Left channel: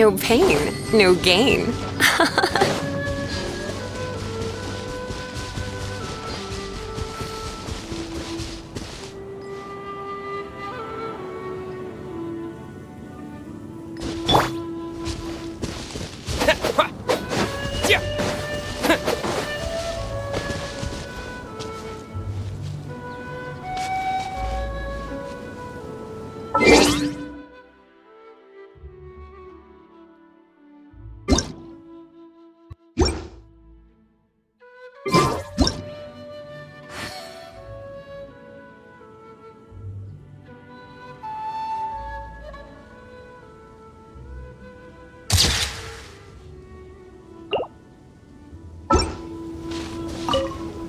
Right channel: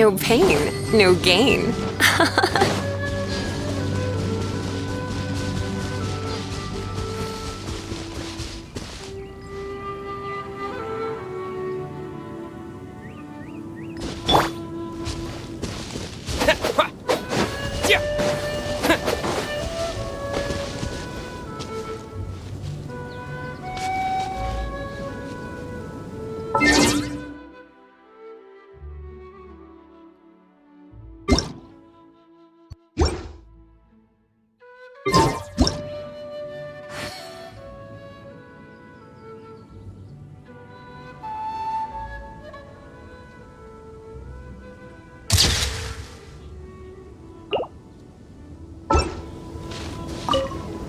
No pain, no gain.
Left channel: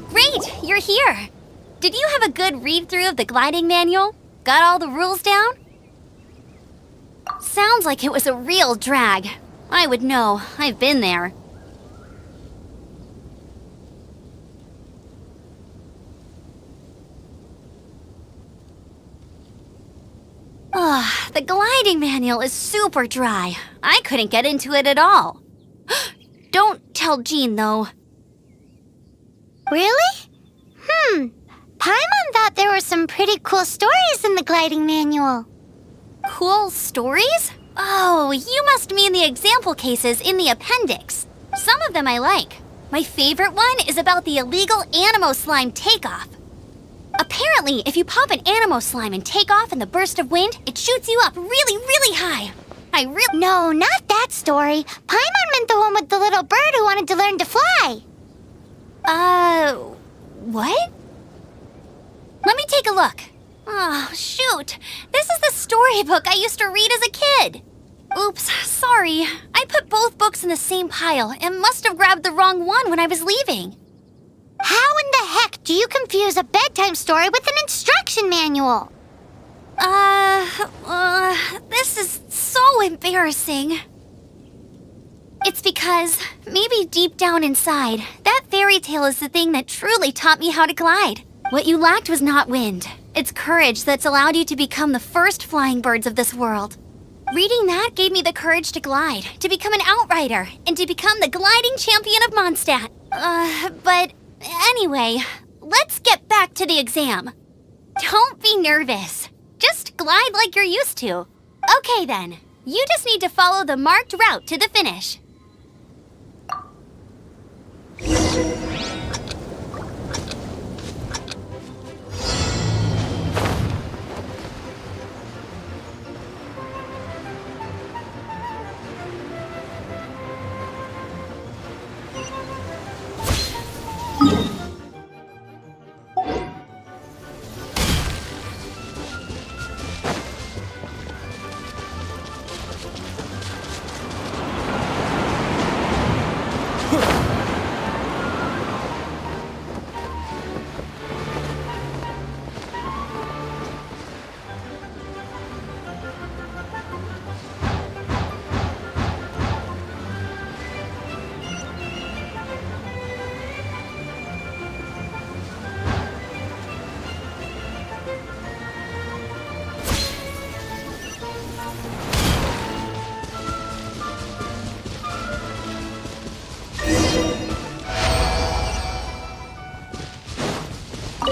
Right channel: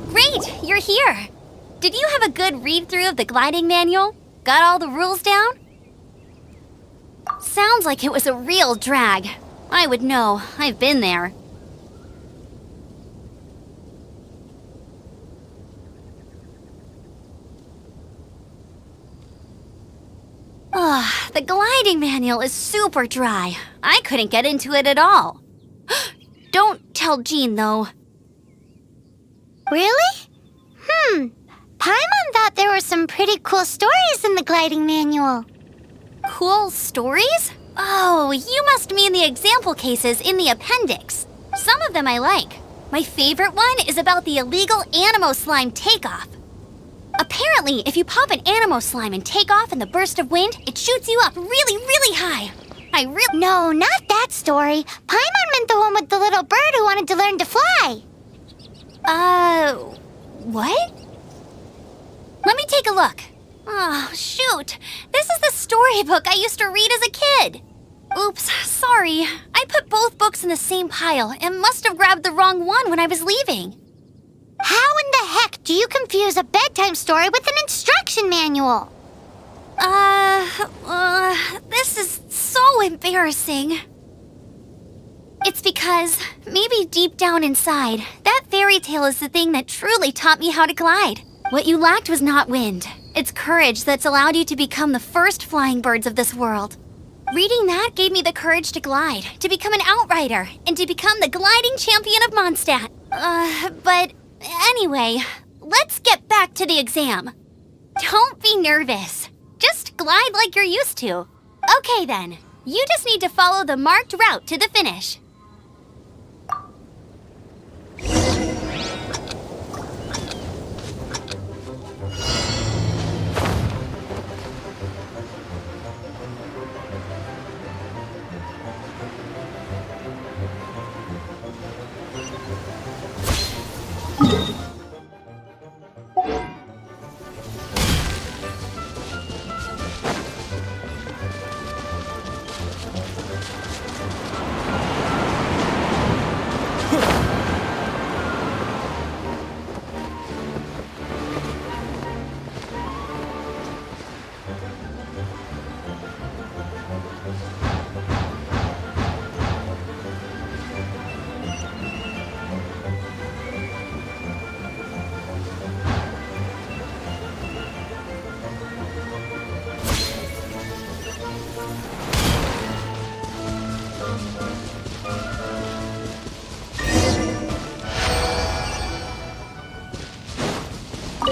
Great, you're here. Did you have a good read-through of the gliding manual? Got all the rules down? Sounds like it was a real drag. I would know. I've been there. Ugh, the gliding manual is super dry. I couldn't get into it at all. Don't tell Jean, though. Really? Paimon thought there were some pretty cool stories in the gliding manual. Cool stories? Oh, you must mean the example cases in the appendix. Some of them I like. My favorite one is about the illegal Animo slime takeoff. Apparently, if you pop an Animo slime and take off in the burst of wind, it shoots you up really, really high. No, not that story. Paimon meant the one with the little bird who wanted to learn to fly. What? Let me take a look. Oh, shoot. This is the storybook I used to read as a kid. Oops, sorry. I put both books in the same pile and must have grabbed the wrong one when I was leaving. How in the heck do you confuse a bedtime story with an instruction manual? This is so embarrassing. It's because, maybe deep down inside, that fairy tale is the thing that truly taught me how to glide. What you lacked was not wind. It's courage that's allowed you to become the first flying birds of this world. Reading that gave me the courage to glide, to become an outrider, and to become the gliding champion of Mondstadt. But anyway, let's get back to the exam. Don't be nervous. Just glide like you're used to. Okay then, you just need to follow the marked route to the finish.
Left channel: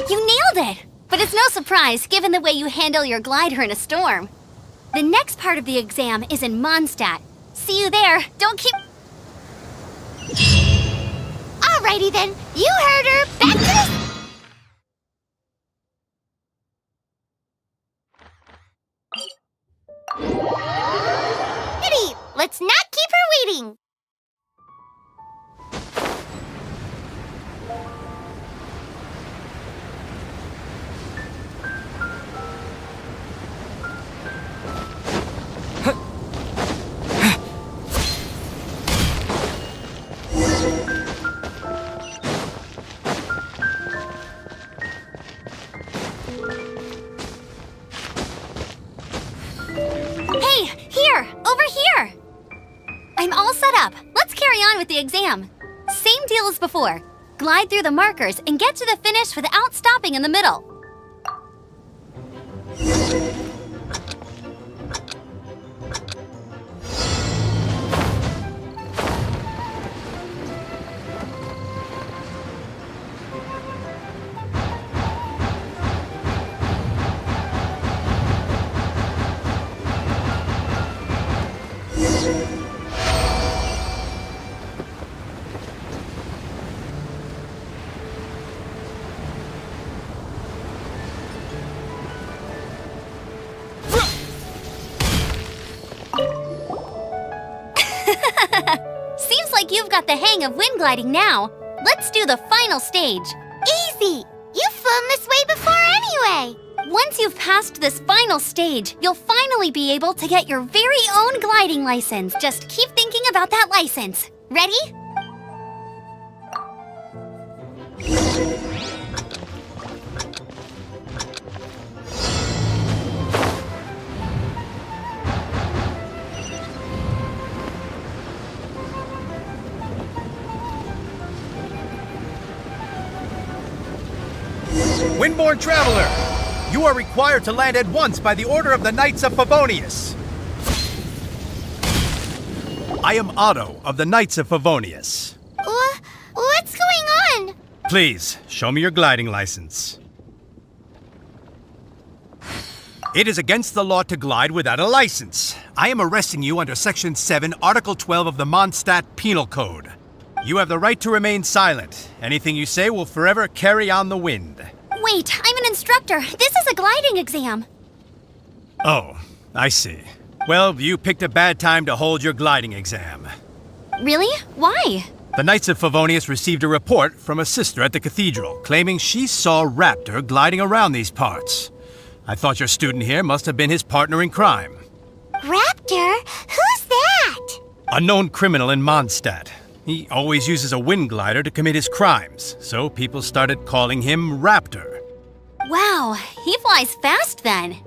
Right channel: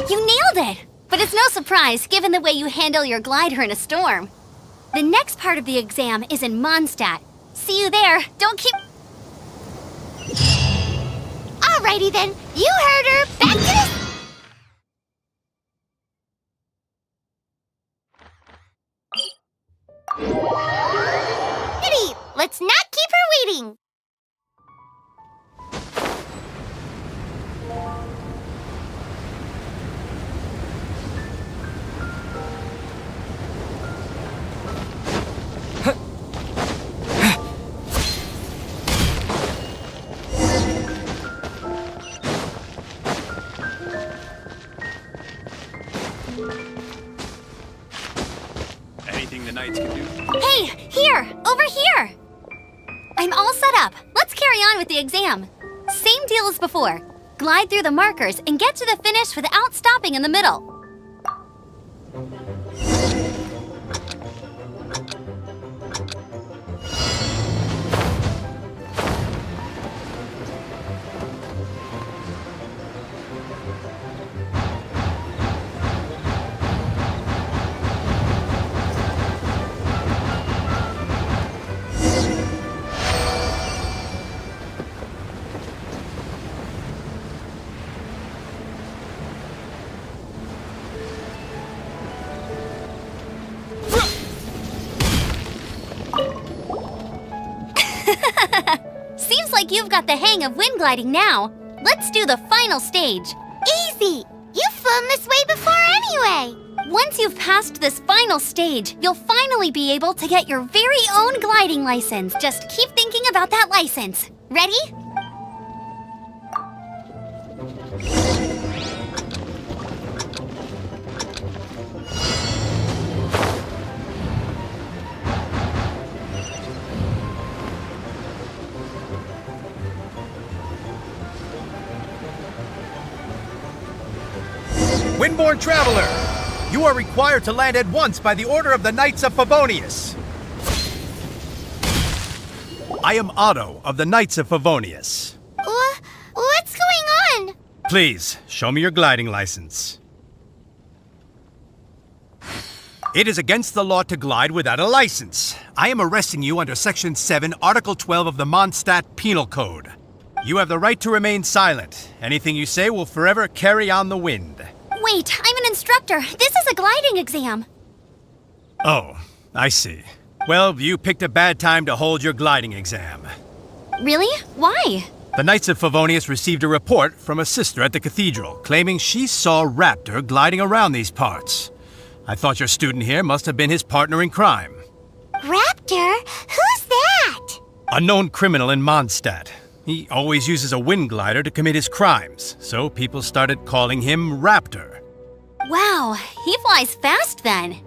You nailed it! But it's no surprise, given the way you handle your glider in a storm. The next part of the exam is in Mondstadt. See you there. Don't keep... Alrighty then, you heard her. Back to the... Kitty, let's not keep her waiting. Hey, here! Over here! I'm all set up. Let's carry on with the exam. Same deal as before. Glide through the markers and get to the finish without stopping in the middle. like you've got the hang of wind gliding now. Let's do the final stage. Easy! You've flown this way before anyway! Once you've passed this final stage, you'll finally be able to get your very own gliding license. Just keep thinking about that license. Ready? Windborne Traveler, you are required to land at once by the order of the Knights of Favonius. I am Otto of the Knights of Favonius. What's going on? Please, show me your gliding license. It is against the law to glide without a license. I am arresting you under Section 7, Article 12 of the Mondstadt Penal Code. You have the right to remain silent. Anything you say will forever carry on the wind. Wait, I'm an instructor. This is a gliding exam. Oh, I see. Well, you picked a bad time to hold your gliding exam. Really? Why? The Knights of Favonius received a report from a sister at the cathedral claiming she saw Raptor gliding around these parts. I thought your student here must have been his partner in crime. Raptor? Who's that? A known criminal in Mondstadt. He always uses a wind glider to commit his crimes, so people started calling him Raptor. Wow, he flies fast then.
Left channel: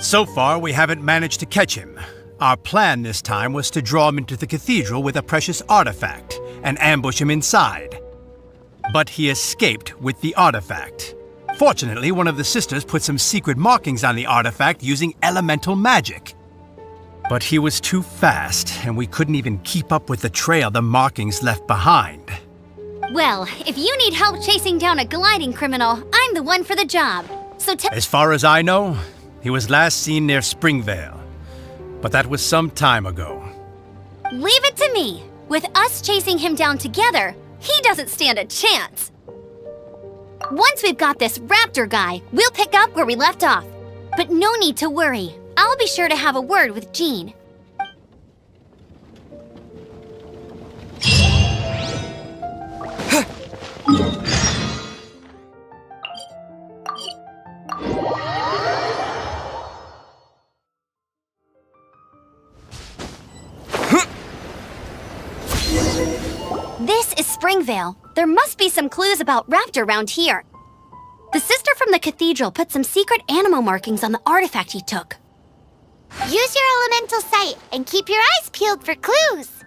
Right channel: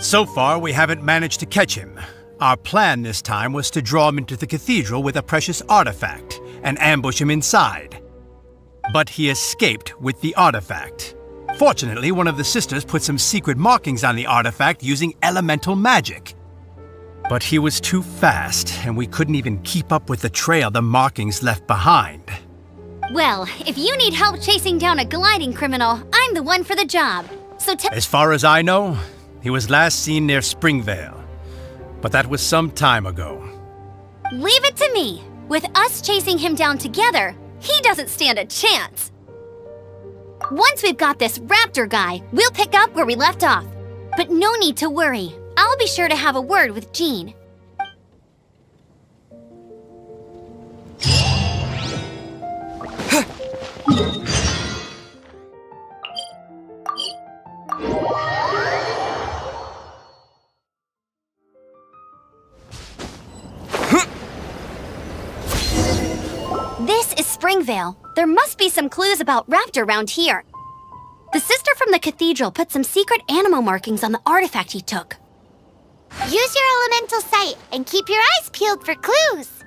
So far, we haven't managed to catch him. Our plan this time was to draw him into the cathedral with a precious artifact and ambush him inside. But he escaped with the artifact. Fortunately, one of the sisters put some secret markings on the artifact using elemental magic. But he was too fast, and we couldn't even keep up with the trail the markings left behind. Well, if you need help chasing down a gliding criminal, I'm the one for the job. So As far as I know, he was last seen near Springvale. But that was some time ago. leave it to me. With us chasing him down together, he doesn't stand a chance. Once we've got this Raptor guy, we'll pick up where we left off. But no need to worry. I'll be sure to have a word with Jean. This is Springvale. There must be some clues about Raptor around here. The sister from the cathedral put some secret animal markings on the artifact he took. Use your elemental sight and keep your eyes peeled for clues.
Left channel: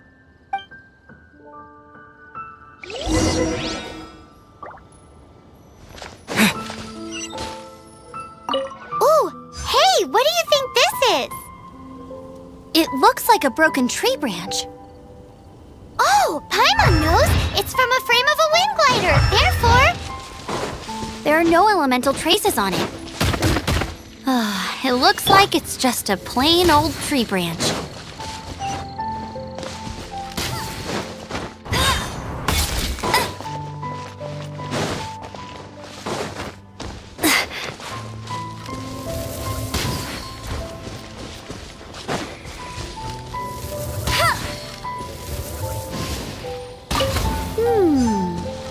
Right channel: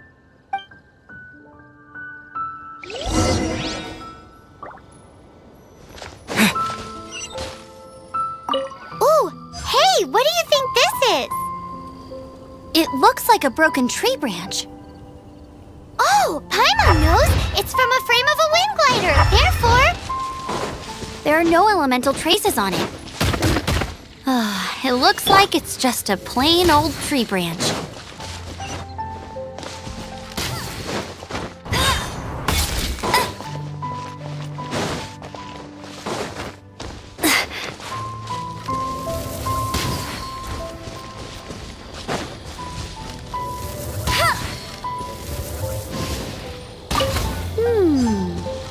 Ooh, hey, what do you think this is? It looks like a broken tree branch. Oh, Paimon knows. It's from a frame of a wind glider. Therefore, There are no elemental traces on it. It looks like it's just a plain old tree branch.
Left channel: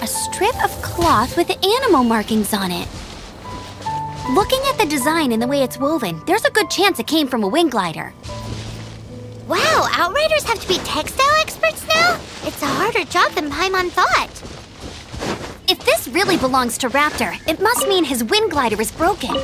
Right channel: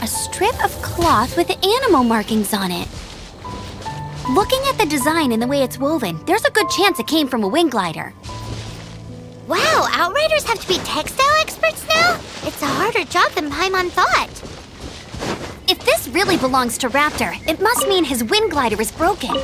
A strip of cloth with animal markings on it. Looking at the design and the way it's woven, there's a good chance it came from a wind glider. wow, Outriders have to be textile experts now? It's a harder job than Paimon thought. If this really belongs to Raptor, it must mean his wind glider is broken.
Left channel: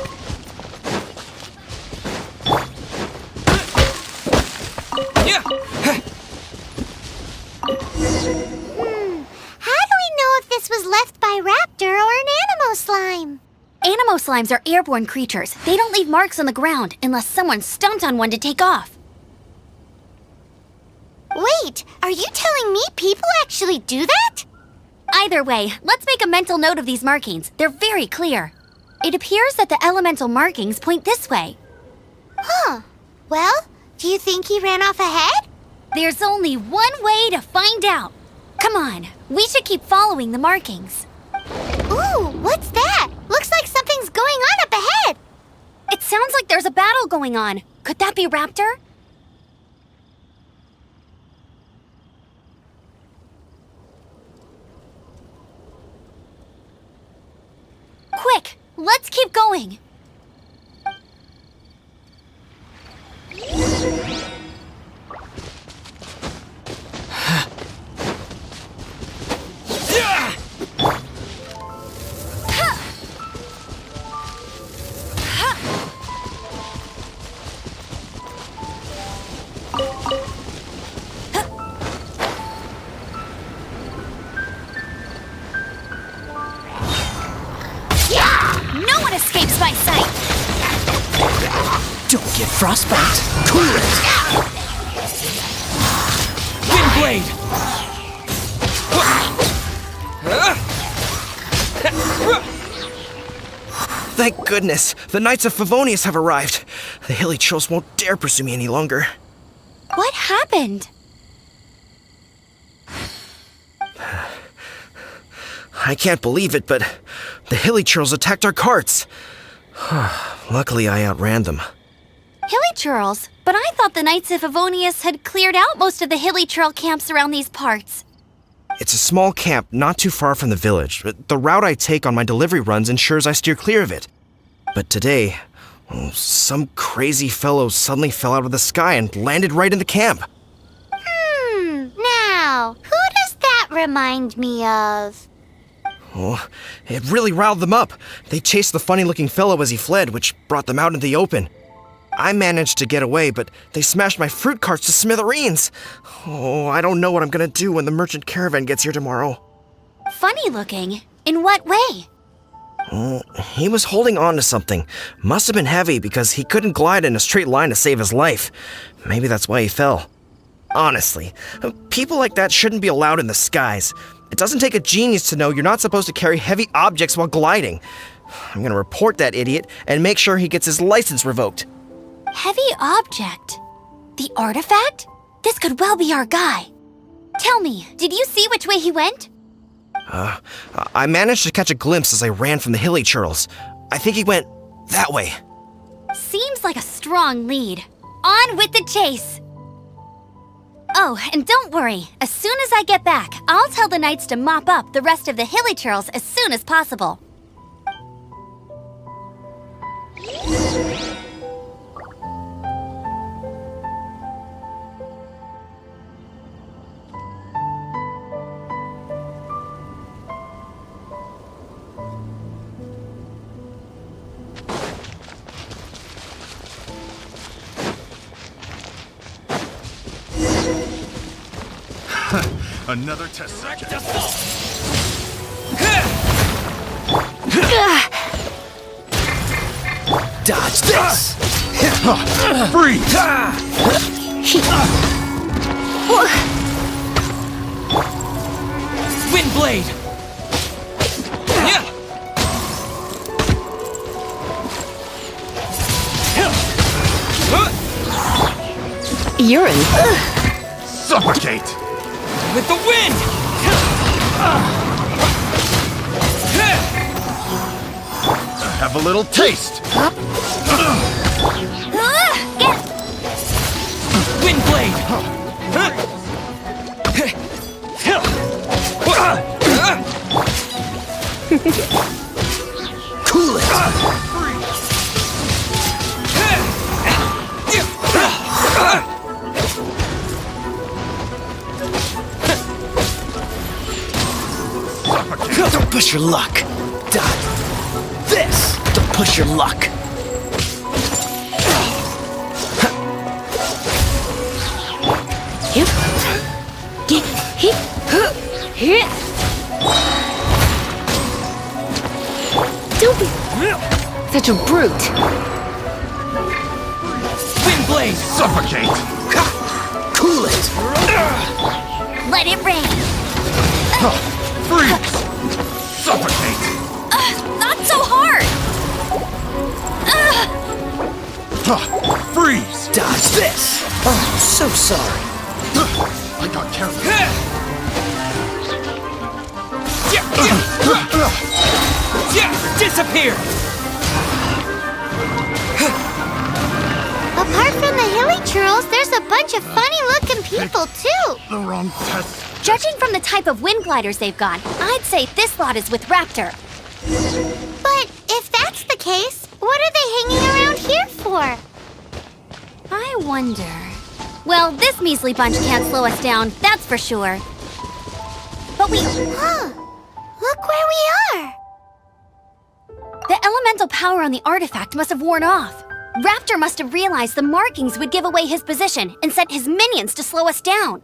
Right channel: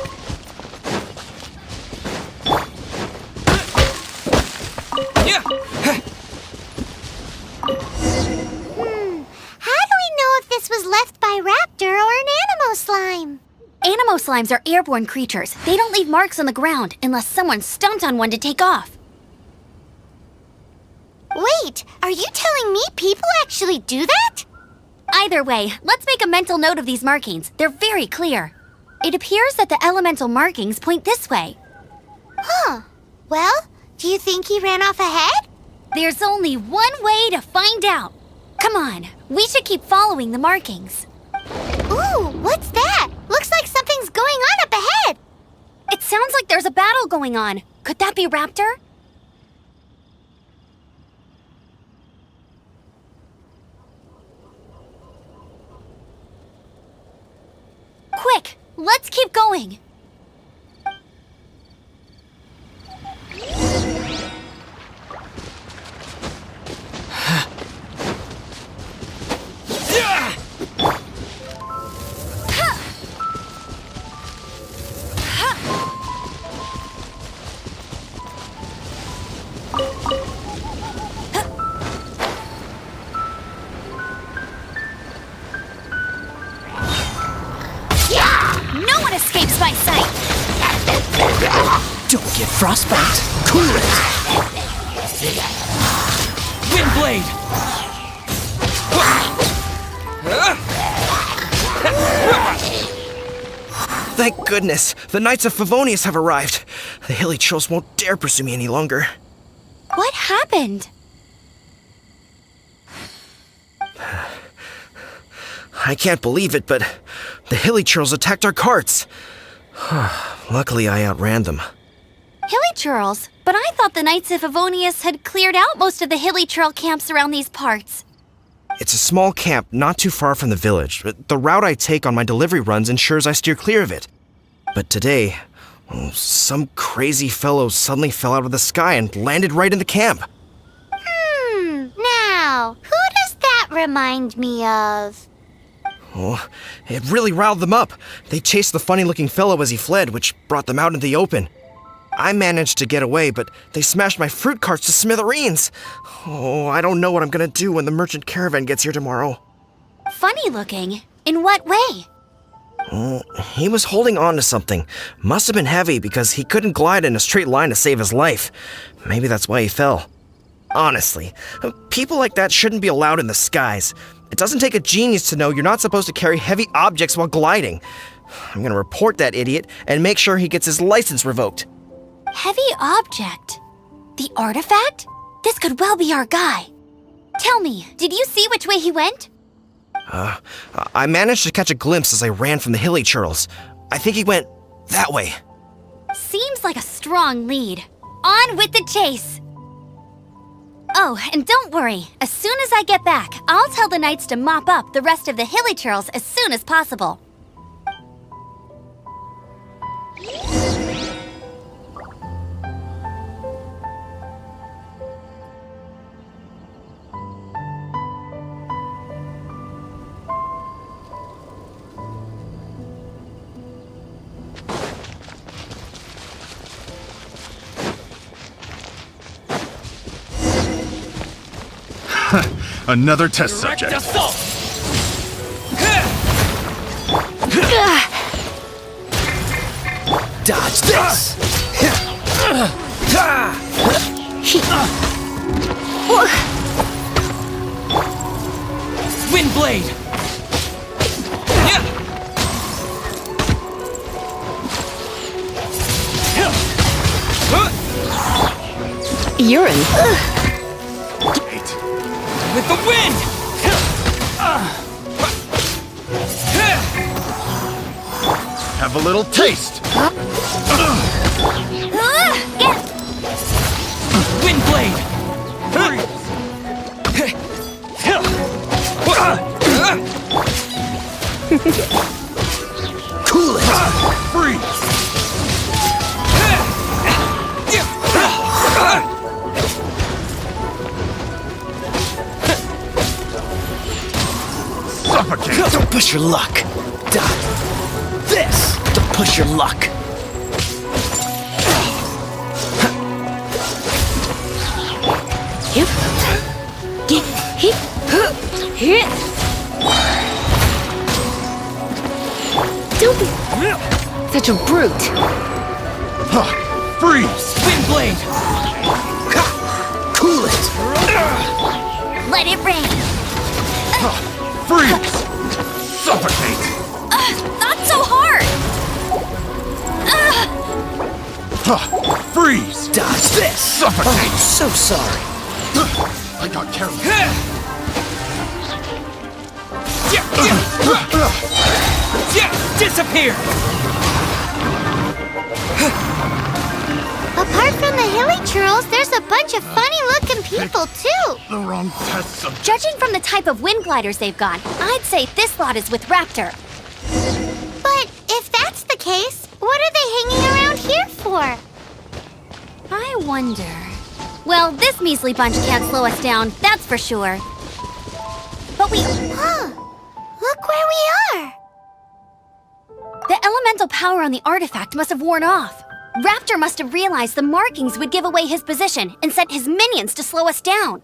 How do we know if this was left by Raptor or an animal slime? Animo slimes are airborne creatures. They don't leave marks on the ground unless someone stomped on one to take off. Wait, are you telling me people actually do that? Either way, let's make a mental note of these markings. They're very clear. It appears that the elemental markings point this way. Huh. Well, do you think he ran off ahead? There's only one way to find out. Come on, we should keep following the markings. Ooh, what's that? Looks like something's going on up ahead. It sounds like there's a battle going on. Could that be Raptor? Let's keep going. No one escapes my sight! Don't get frostbite. Cool it. Windblade. Thank goodness, the Knights of Favonius have arrived. The hilly trolls won't dare pursue me any longer. What happened? I can't believe it, but the hilly trolls attacked our carts. Luckily, I outran them. Hilly churls? But I thought the Knights of Favonius had cleared out most of the hilly churl camps around these parts. It's a small camp not too far from the village. The route I take on my delivery runs ensures I steer clear of it. But today, some crazy fellow suddenly fell out of the sky and landed right in the camp. Now, who does that remind me of? Oh, it really riled them up. They chased the funny-looking fellow as he fled, which brought them out into the open. I managed to get away, but they smashed my fruit carts to smithereens. Oh, I don't know what I'm gonna do when the merchant caravan gets here tomorrow. Funny looking? In what way? He was holding on to something. Must have been heavy because he couldn't glide in a straight line to save his life. Maybe that's why he fell. Honestly, people like that shouldn't be allowed in the skies. It doesn't take a genius to know you're not supposed to carry heavy objects while gliding. I'm gonna report that idiot and make sure he gets his license revoked. Heavy object? The artifact? This could well be our guy. Tell me, did you see which way he went? I managed to catch a glimpse as I ran from the hilly churls. I think he went that way. Seems like a strong lead. On with the chase! Oh, and don't worry. As soon as I get back, I'll tell the knights to mop up the rest of the hilly churls as soon as possible. Another test subject. Dodge this. Freeze! Windblade. Urine. Suffocate! With the wind. Have a little taste! Windblade. Cool it. Freeze! Suffocate! Don't push your luck. Dodge this. Don't push your luck. Don't be such a brute. Freeze! Windblade. Suffocate! Cool it. Let it rain. Freeze! Suffocate! Not so hard. Freeze! Dodge this. Oh, so sorry. I got careless. Disappear. Apart from the hilly churls, there's a bunch of funny-looking people, too. The wrong test subject. Judging from the type of wind gliders they've got, I'd say this lot is with Raptor. But if that's case, what are they hanging around here for? I wonder... Well, this measly bunch can't slow us down, that's for sure. But we... Huh. Look where we are. The elemental power on the artifact must have worn off. Raptor must have realized the markings would give away his position and sent his minions to slow us down.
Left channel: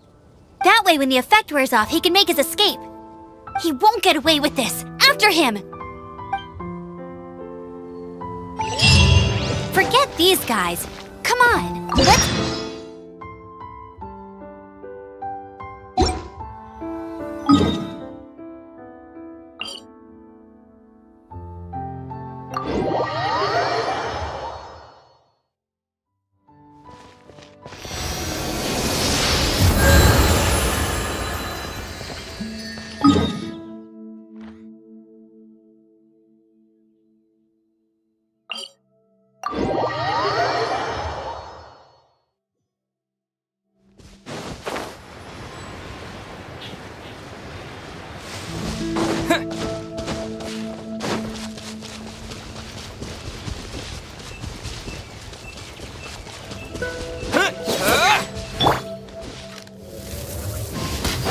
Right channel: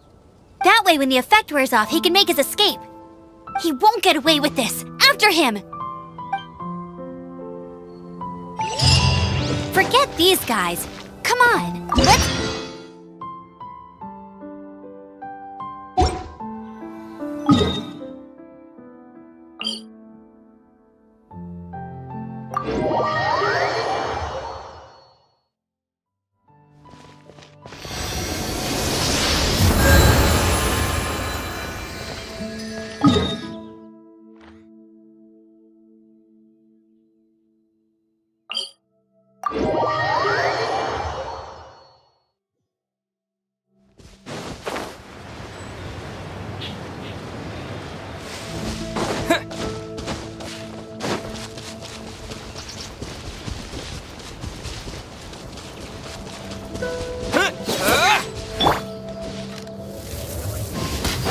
That way, when the effect wears off, he can make his escape. He won't get away with this. After him! Forget these guys. Come on, let's...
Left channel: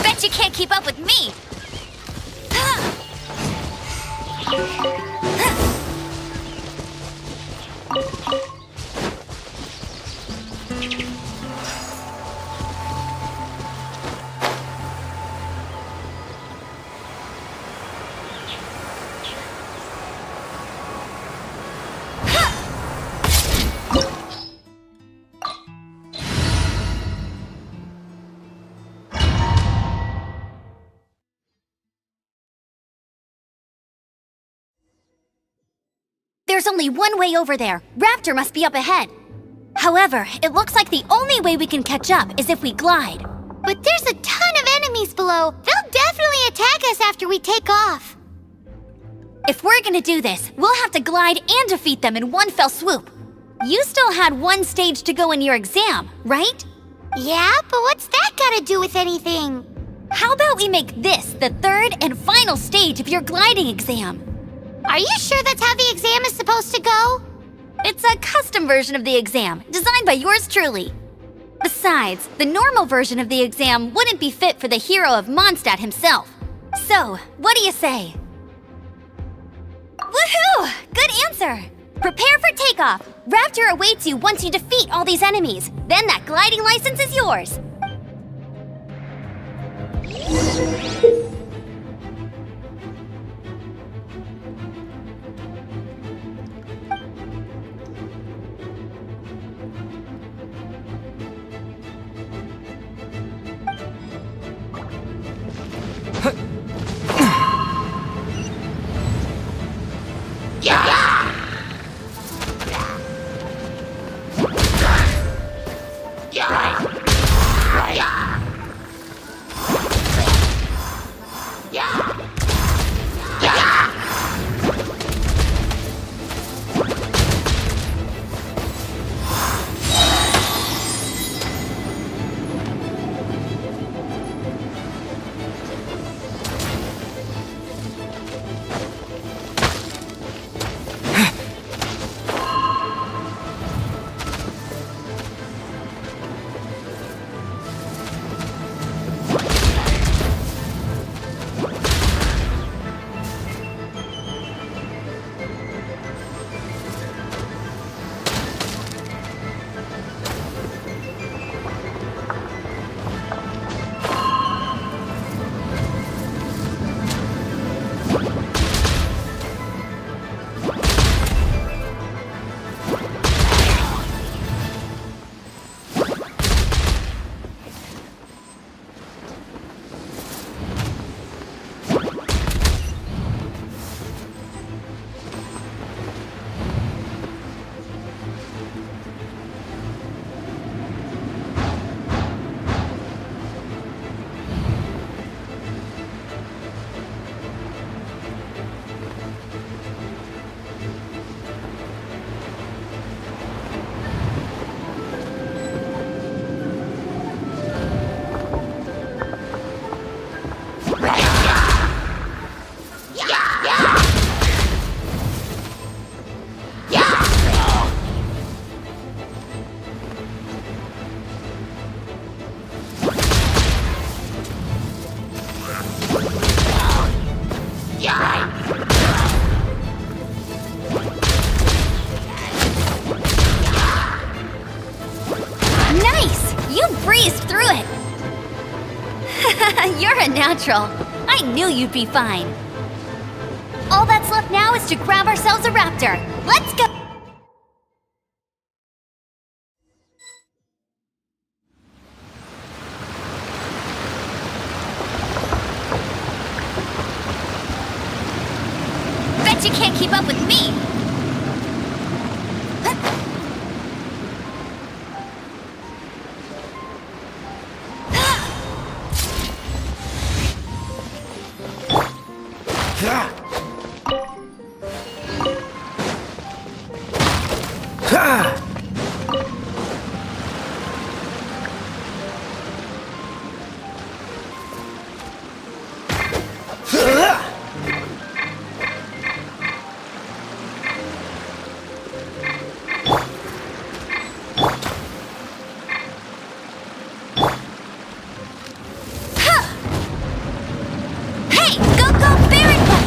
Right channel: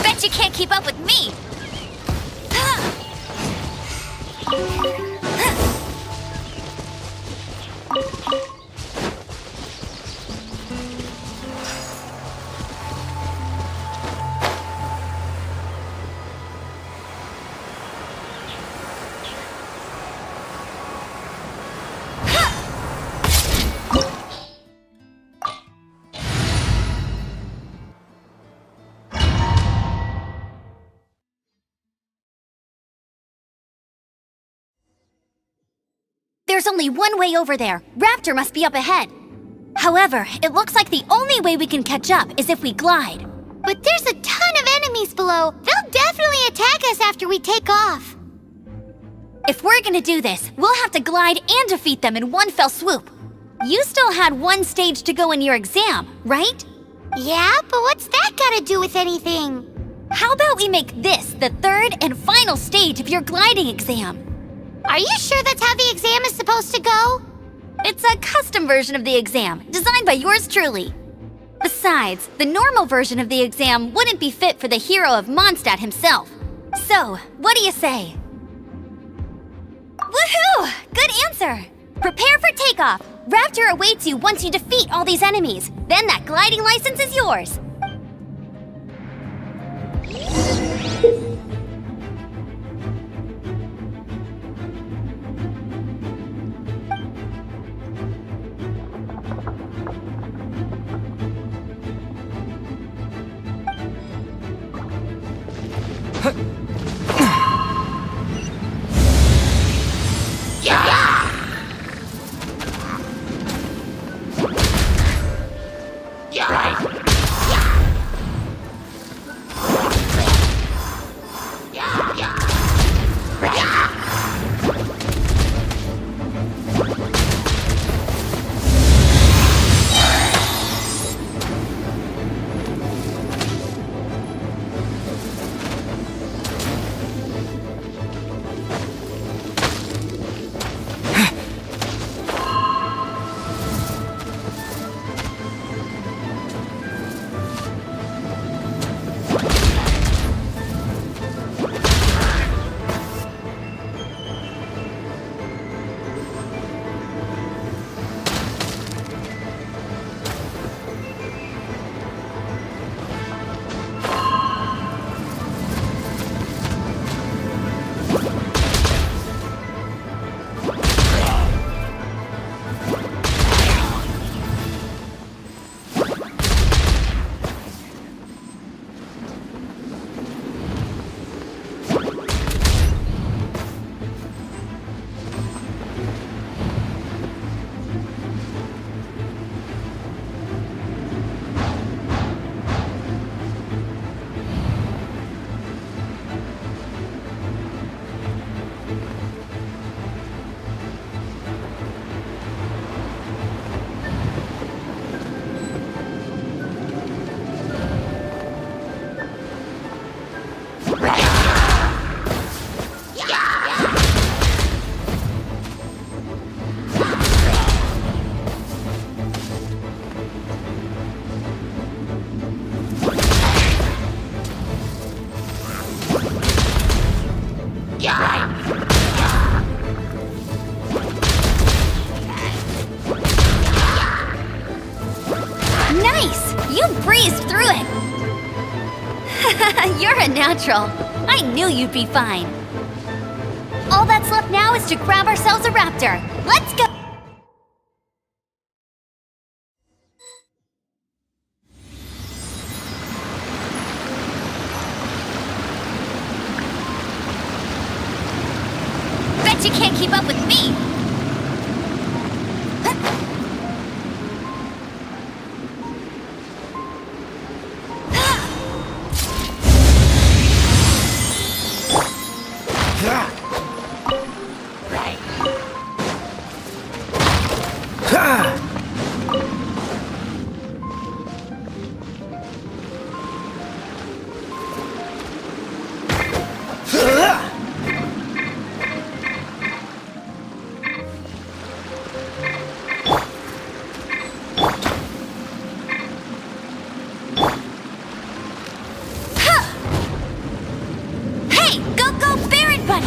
Bet you can't keep up with me! There's only one way over there. Raptor must be up ahead. However, it looks like the only way we can catch up is if we glide. But there's a ton of enemies below. They'll definitely attack us after we take off. If we're gonna do this, we'll have to glide and defeat them in one fell swoop. You still had one stage to go in your exam, right? Yeah, but what's that gotta do with anything? How about we make this the third and final stage of your gliding exam? Are you sure that's how the exam is supposed to go? It's a custom version of the exam, designed by yours truly. Besides, the normal version of the exam wouldn't be fit for the hero of Mondstadt himself. So, what do you say? Woohoo! Good answer! Prepare for takeoff. Raptor awaits you once you defeat all these enemies. Then that gliding license is yours. Nice! You breezed through it! You're a natural. I knew you'd be fine. All that's left now is to grab ourselves a raptor. Let's go! Bet you can't keep up with me! Hey, go, Baron Buddy!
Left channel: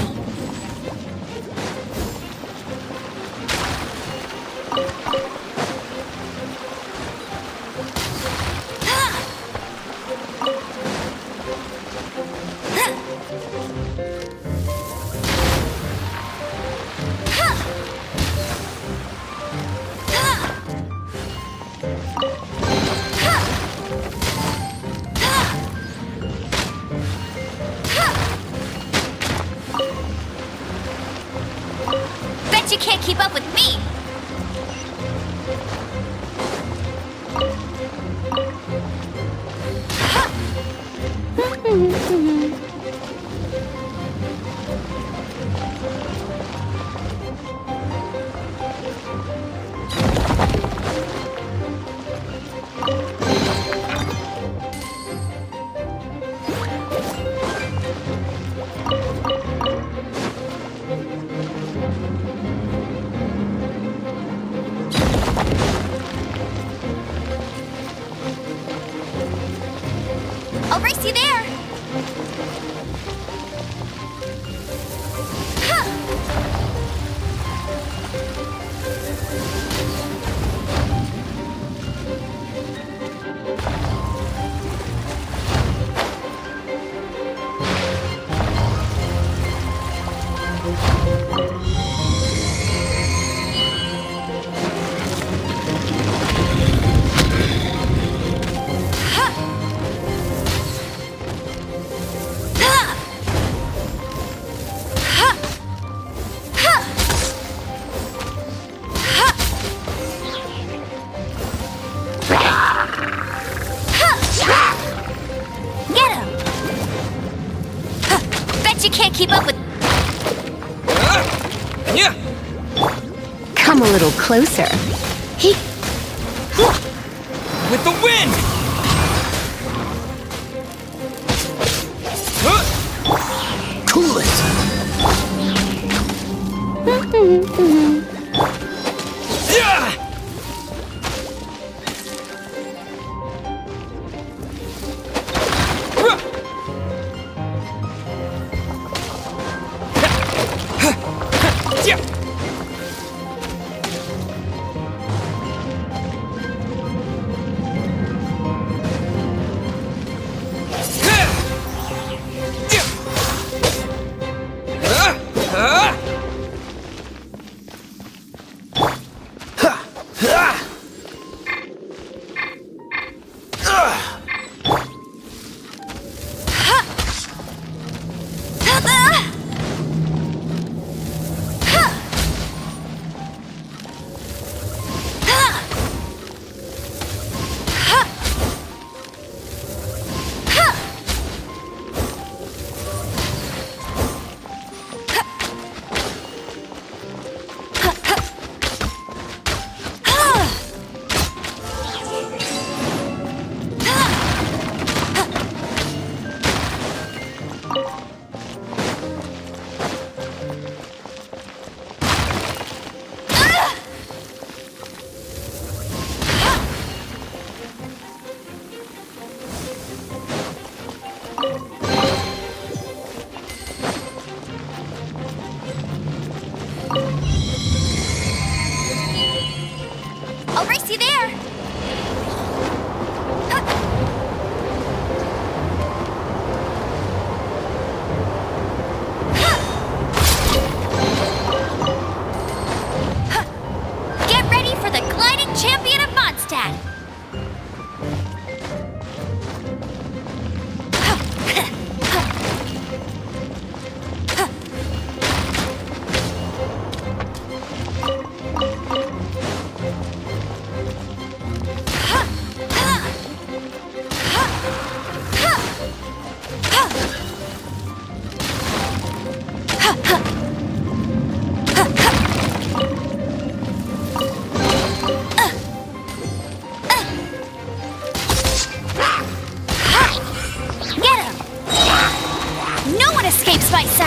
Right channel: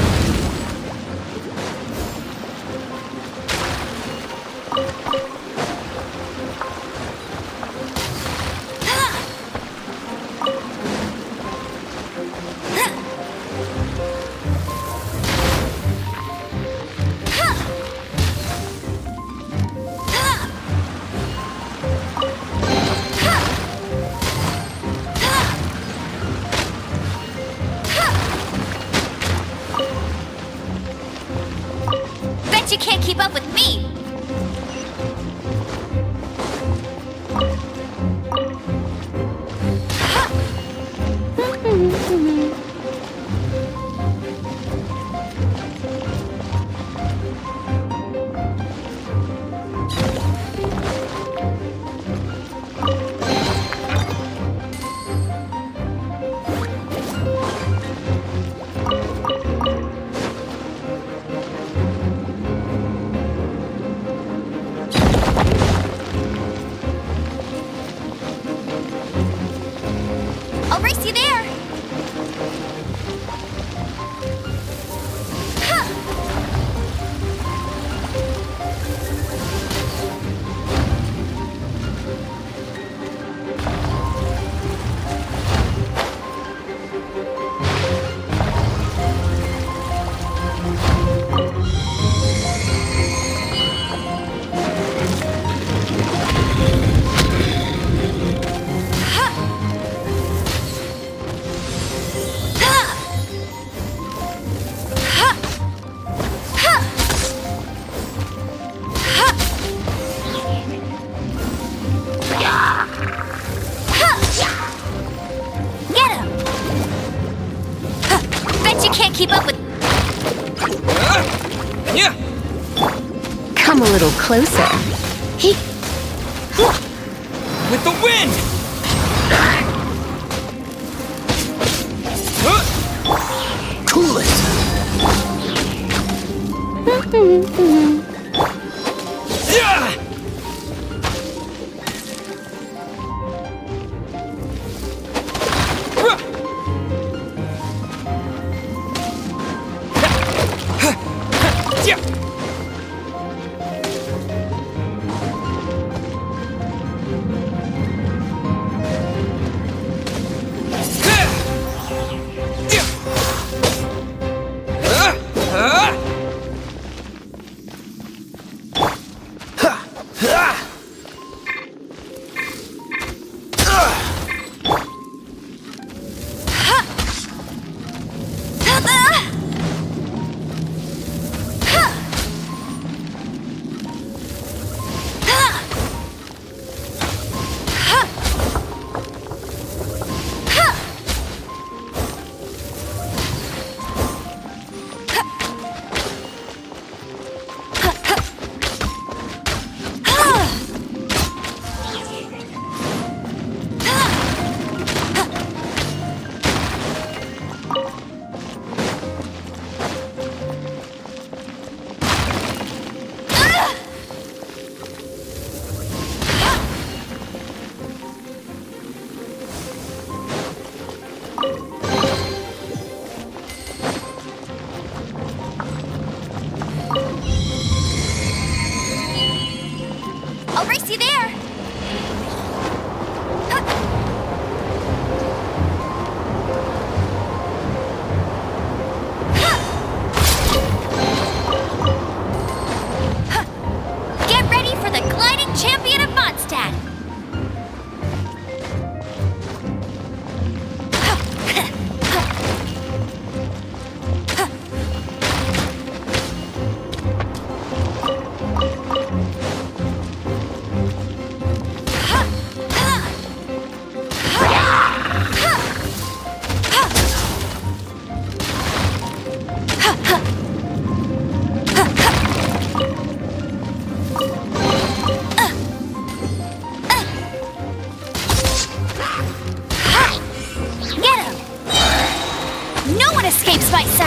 Bet you can't keep up with me! I'll race you there! Get him! Bet you can't keep up with... Yeah. Come a little closer. He. With the wind. Cool it. Yeah.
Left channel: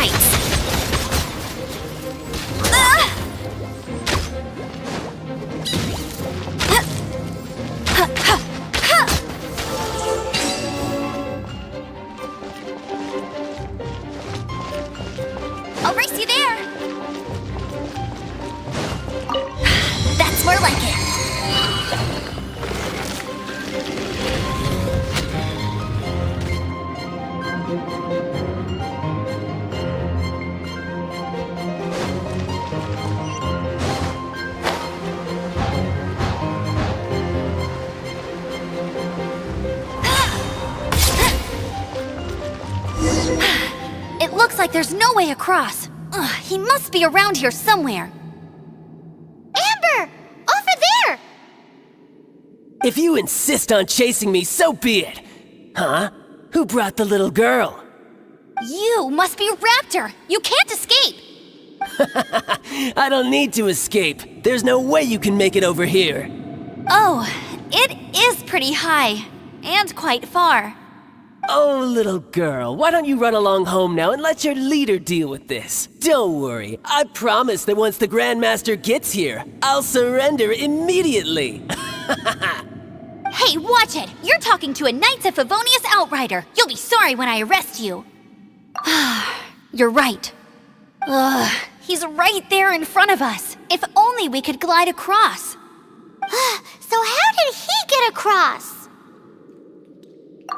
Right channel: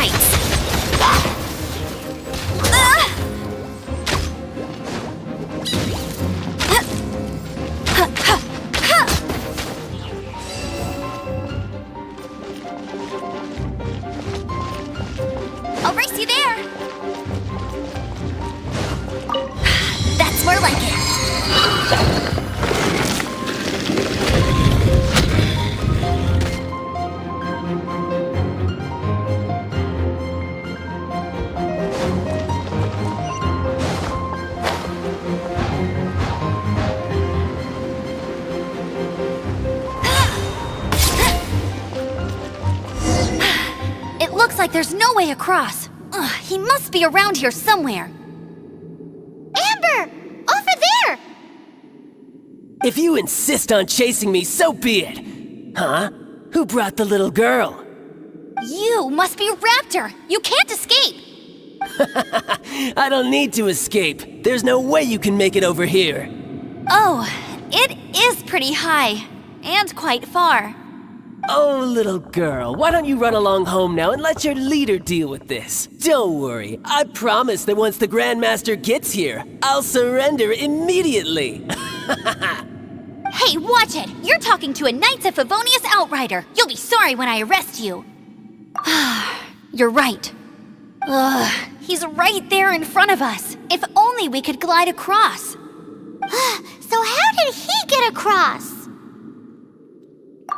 rights. I'll race you there. That's more like it. It looks like there's no way across. Ugh, he must be around here somewhere. Amber! Over there! If you insist on chasing me, so be it. Huh? Who brought the little girl? You must be Raptor. You can't escape. I don't need to escape. There's no way you can make it over here. Oh, it is pretty high. And quite far. Oh, little girl, why don't you run along home now and let your leader deal with this? Don't worry, I promise that once the Grandmaster gets here, I'll surrender immediately. Hey, watch it! You're talking to a Knights of Favonius outrider. You'll be sorry when I arrest you. You're right. Ugh, he's right there in front of us. If only we could glide across. So how did he get across?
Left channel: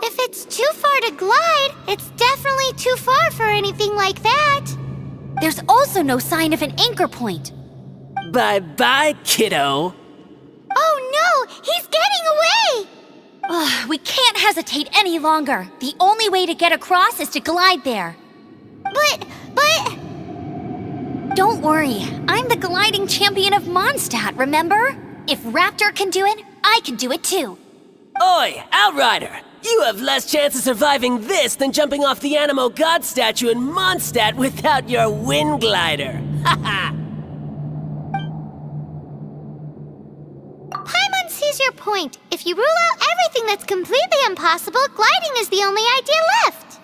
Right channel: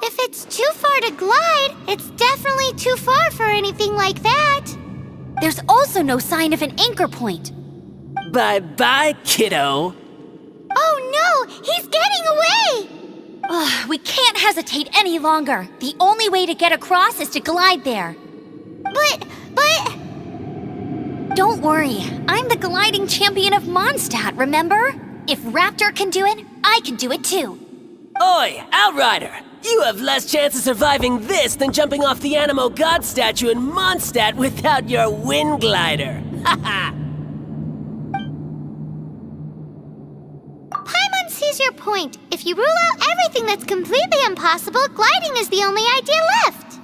If it's too far to glide, it's definitely too far for anything like that. There's also no sign of an anchor point. Bye-bye, kiddo. Oh no, he's getting away! Ugh, we can't hesitate any longer. The only way to get across is to glide there. But... Don't worry, I'm the gliding champion of Mondstadt, remember? If Raptor can do it, I can do it too. Oi, Outrider! You have less chance of surviving this than jumping off the Animo God statue in Mondstadt without your wind glider. Haha! Paimon sees your point. If you rule out everything that's completely impossible, gliding is the only idea left.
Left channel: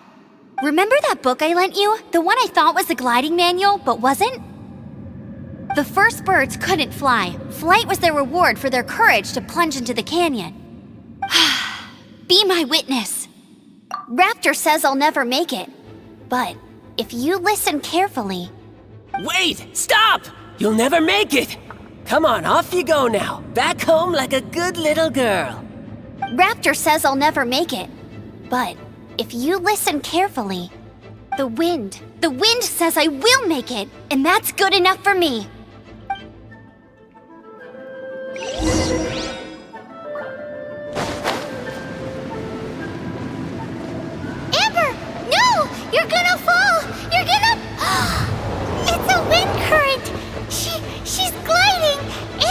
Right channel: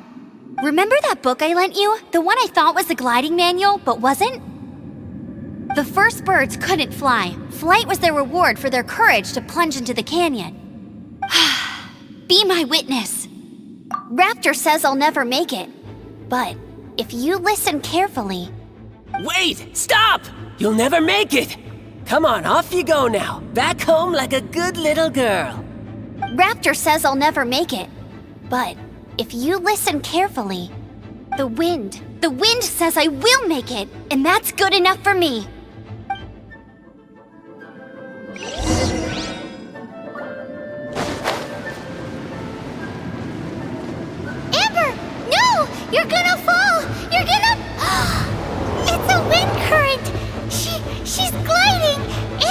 Remember that book I lent you? The one I thought was the gliding manual, but wasn't? The first birds couldn't fly. Flight was their reward for their courage to plunge into the canyon. Be my witness. Raptor says I'll never make it. But if you listen carefully... Wait! Stop! You'll never make it! Come on, off you go now. Back home like a good little girl. Raptor says I'll never make it. But if you listen carefully... The wind says I will make it. And that's good enough for me. Amber! No! You're gonna fall! You're gonna... It's a wind current! She's gliding!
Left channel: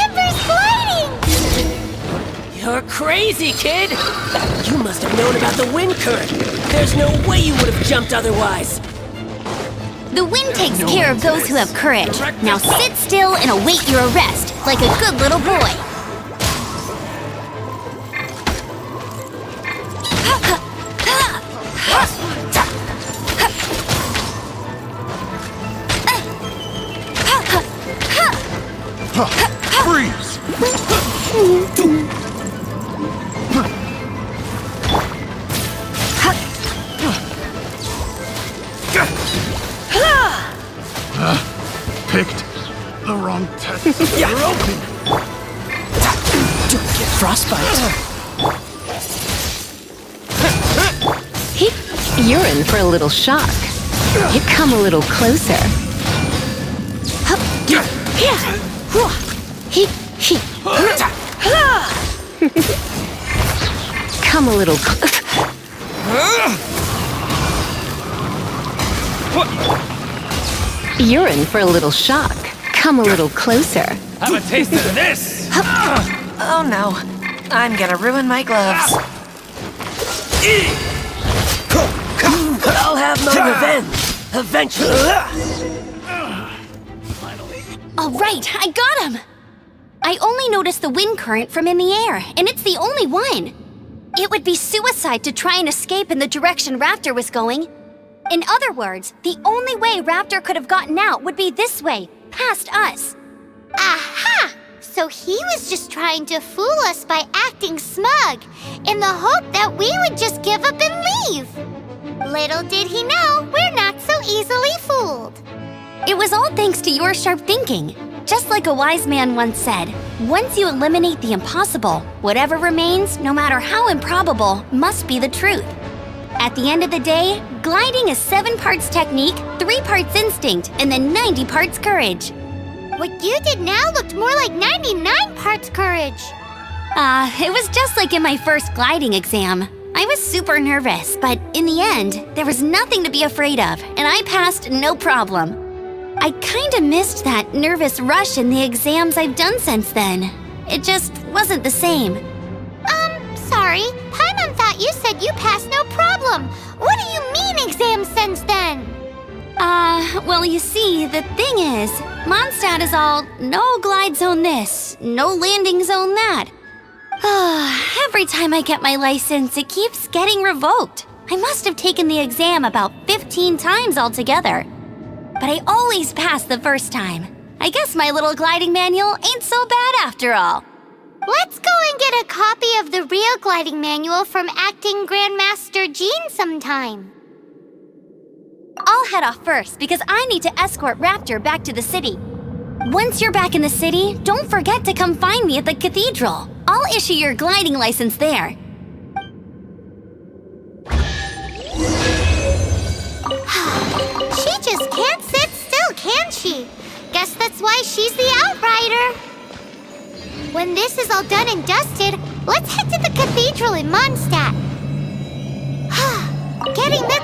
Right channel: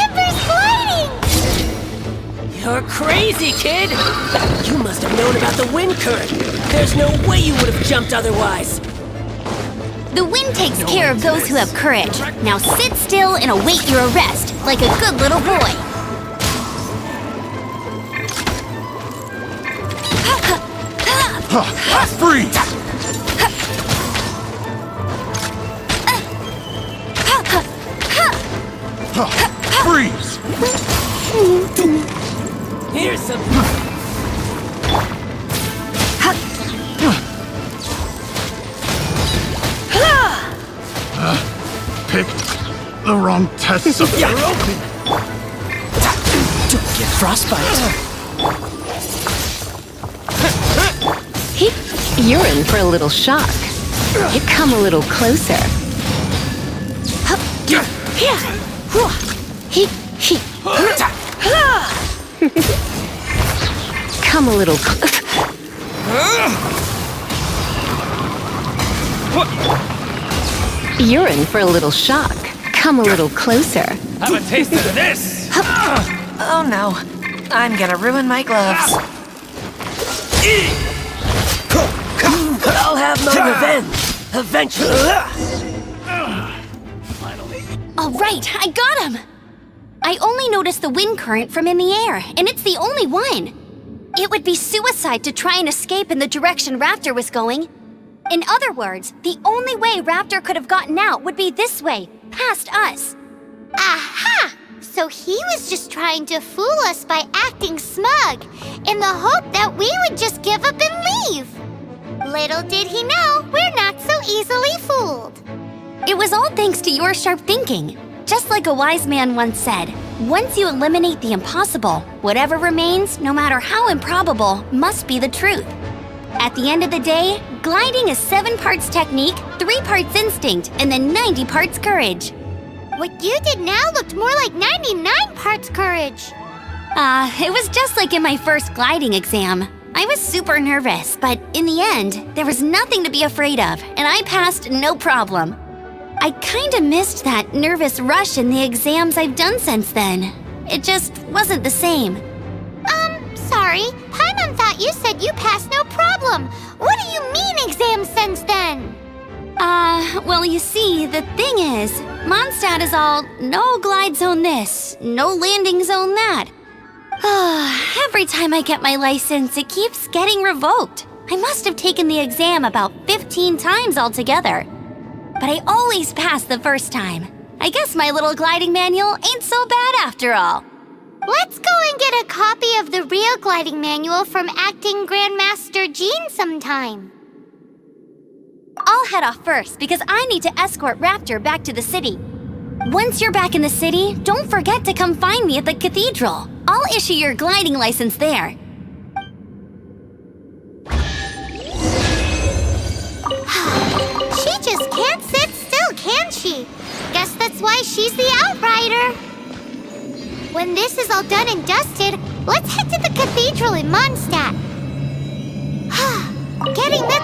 Amber's gliding! You're crazy, kid! You must have known about the wind current. There's no way you would have jumped otherwise. The wind takes care of those who have courage. Now sit still and await your arrest, like a good little boy. Freeze! Here's some... Picked the wrong tests of Ronin. Don't get frostbite. You're in for a little shock. You come a little closer. Come a little You're in for a little shock. Come a little closer. Have a taste of this! Oh no, I'm gonna ruin my gloves. I'll have my revenge, eventually. All right, I got him! I only noticed the wind current from in the air, and it's the only one. It would be suicide to try and escape in the direction Raptor was going. In other words, the only way Raptor could have gotten out would be this way, past us. Aha! So he was just trying to fool us by acting smug, in the hope that we would just give up and leave. Little did he know, we're not so easily fooled. It was all thanks to your sharp thinking. Just like a wise man once said, once you eliminate the impossible, whatever remains, no matter how improbable, must be the truth. At the end of the day, gliding is 7 parts technique, 3 parts instinct, and then 90 parts courage. What you did now looked more like 99 parts courage. It was just like in my first gliding exam. I was super nervous, but in the end, there was nothing to be afraid of, and I passed no problem. I kinda missed that nervous rush in the exams I've done since then. It just wasn't the same. Sorry. Paimon thought you said you passed no problem. What do you mean exam since then? Well, you see, the thing is, Mondstadt is all no glide zone this, no landing zone that. Every time I get my license, it keeps getting revoked. I must have taken the exam about 15 times altogether. But I always pass the first time. I guess my little gliding manual ain't so bad after all. Let's go and get a copy of the real gliding manual from Acting Grandmaster Jean sometime. I'll head off first because I need to escort Raptor back to the city. Once you're back in the city, don't forget to come find me at the cathedral. I'll issue your gliding license there. She just can't sit still, can she? Guess that's why she's the outrider. When this is all done and dusted, let's head to the cathedral in Mondstadt. Getting this...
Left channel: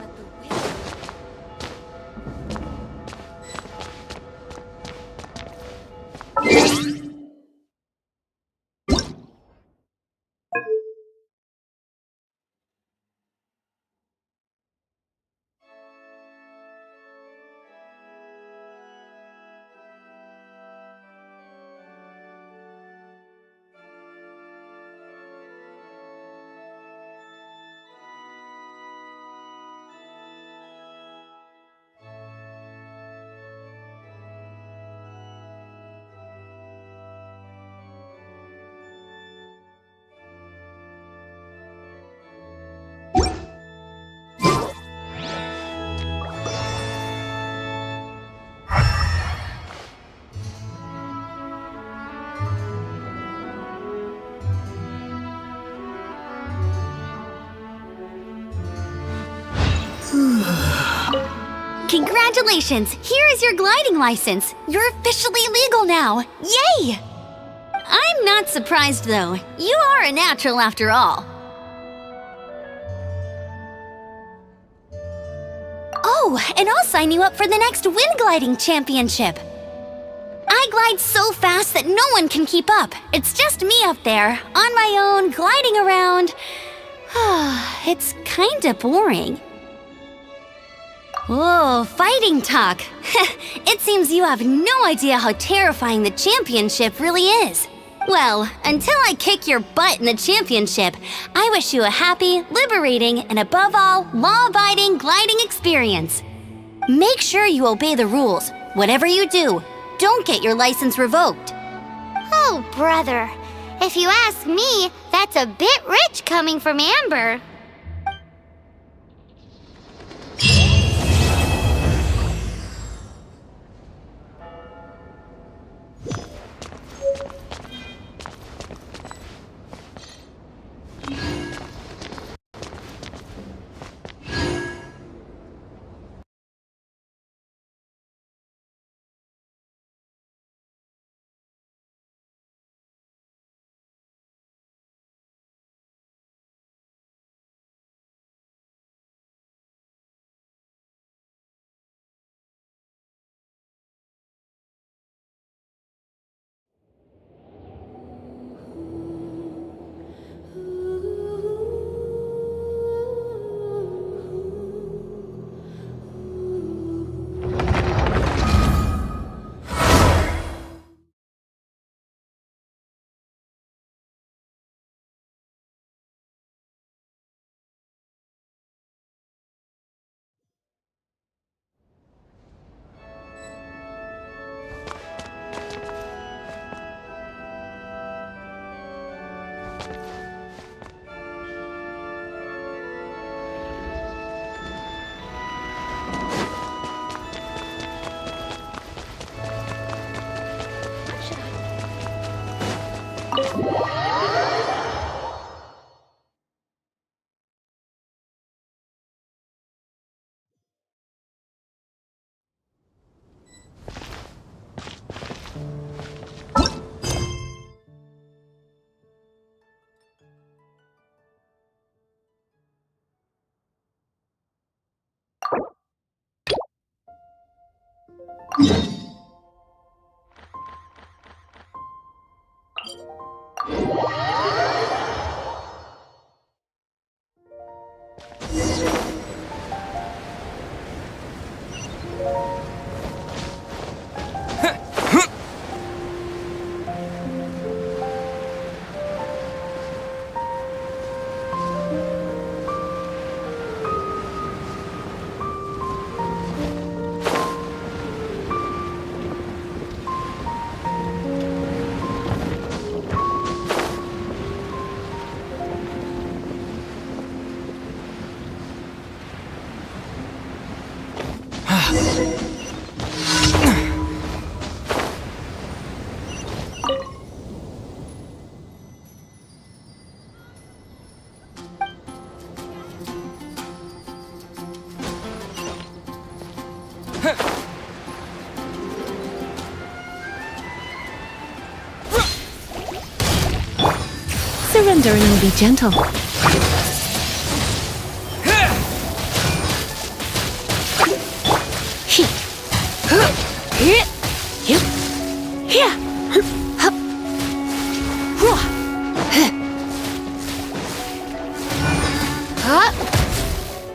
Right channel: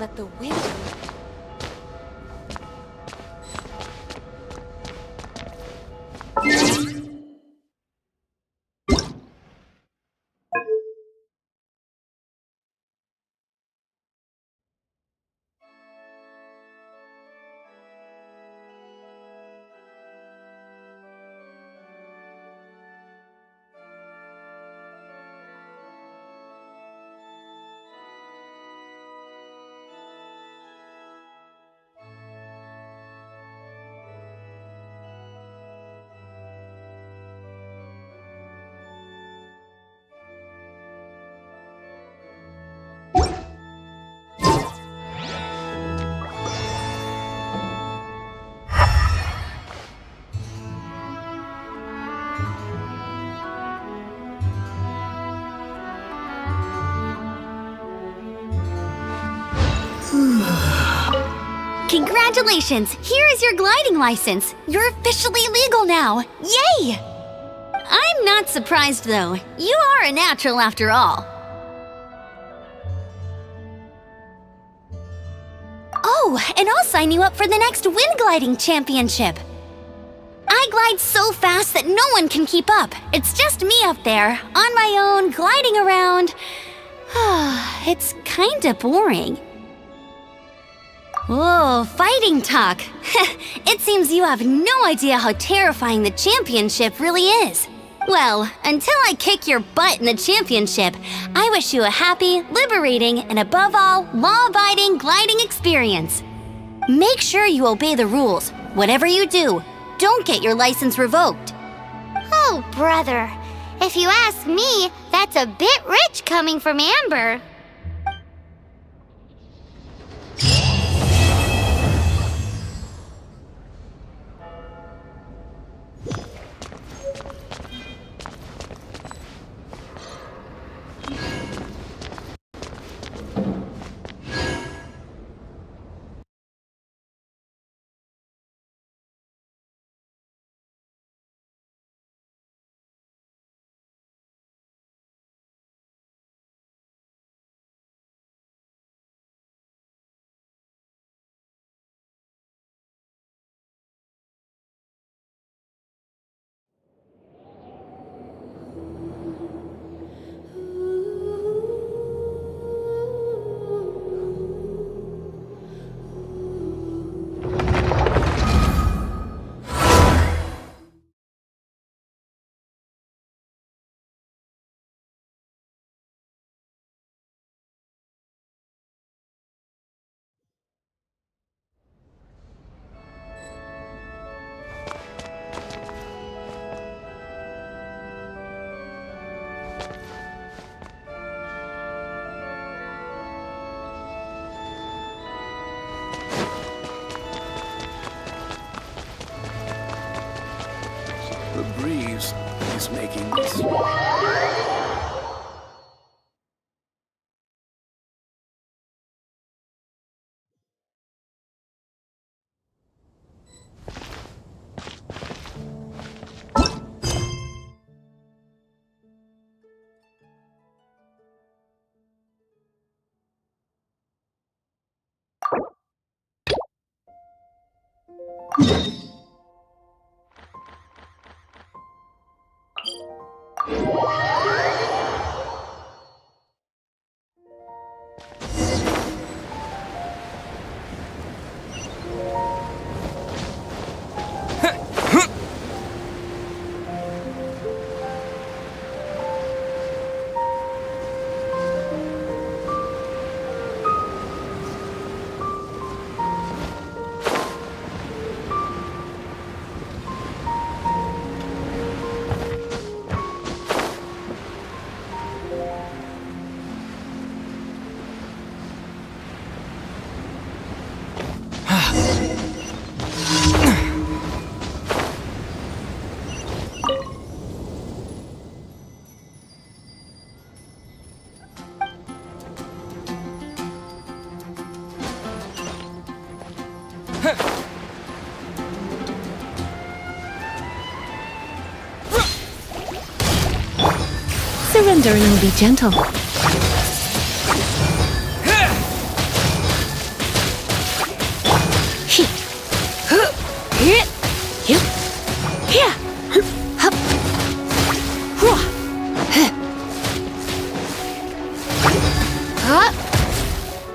Let the wind... Congratulations! Here is your gliding license. You're officially legal now. Yay! I'm not surprised though. You are a natural after all. Oh, and I'll sign you up for the next wind gliding championship. I glide so fast that no one can keep up. It's just me up there, on my own, gliding around. It's kinda boring. Whoa, fighting talk. It seems you have no idea how terrifying the championship really is. Well, until I kick your butt in the championship, I wish you a happy, liberating, and above all, law-abiding gliding experience. Make sure you obey the rules. Whatever you do, don't get your license revoked. Oh, brother. If you ask me, that's a bit rich coming from Amber. Surrender and I'll be gentle.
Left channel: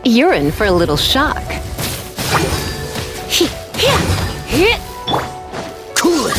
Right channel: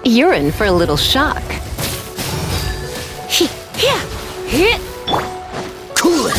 You're in for a little shock. Cool it!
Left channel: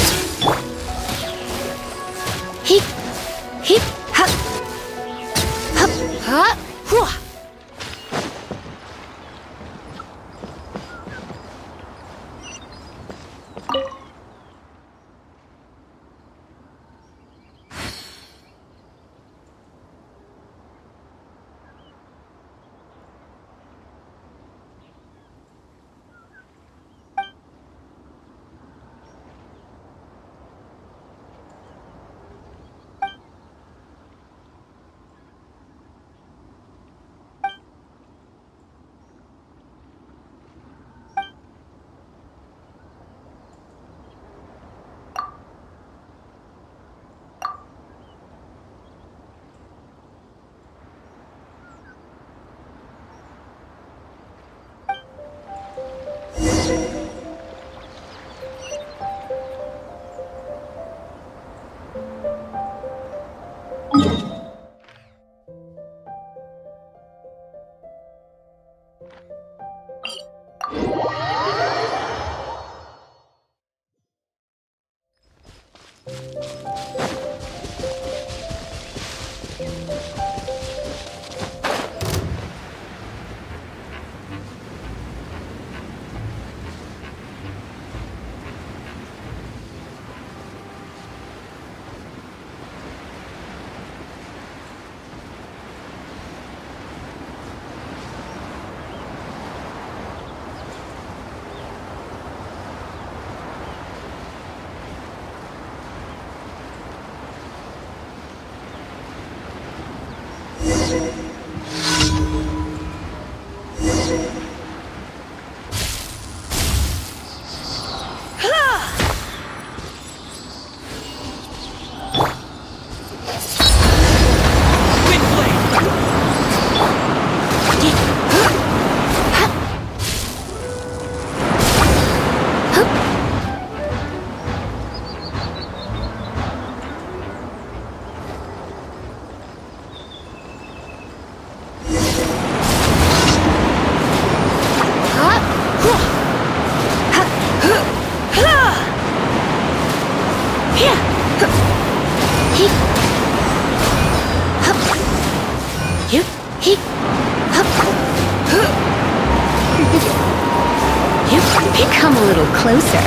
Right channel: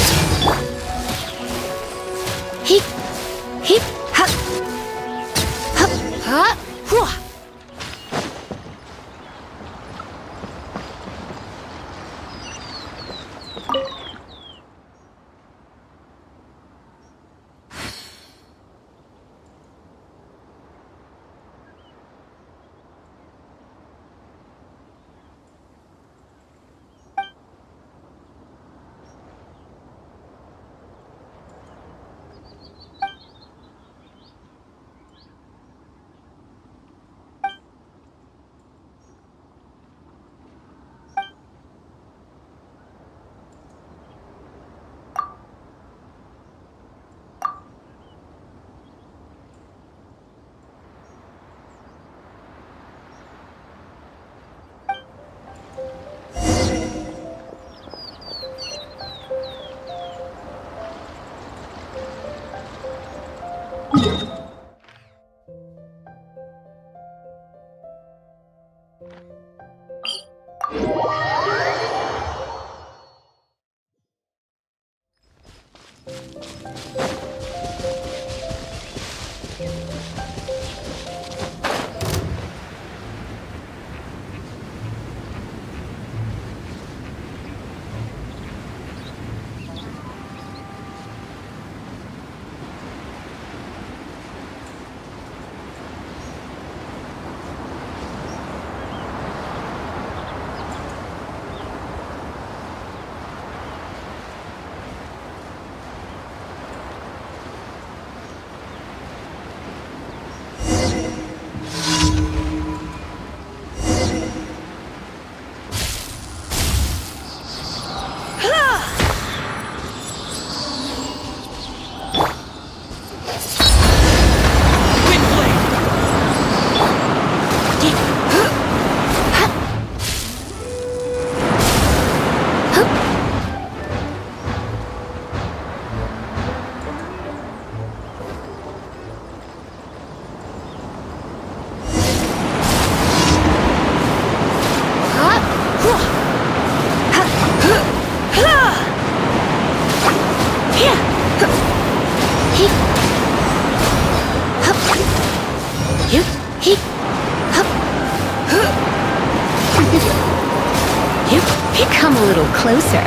Come a little closer.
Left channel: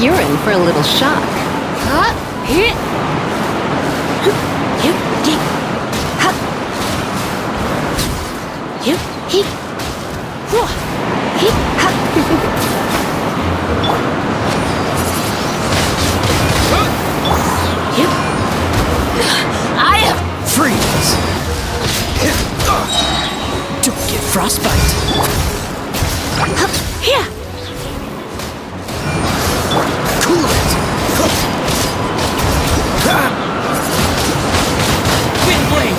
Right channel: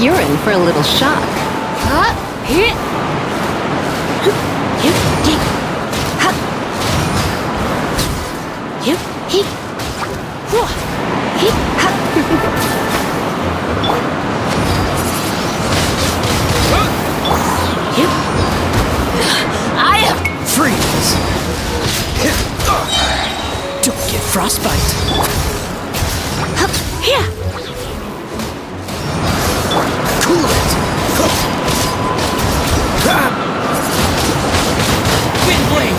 You're in for a little shock. Freeze! Don't get frostbite. Cool it. Wind blade.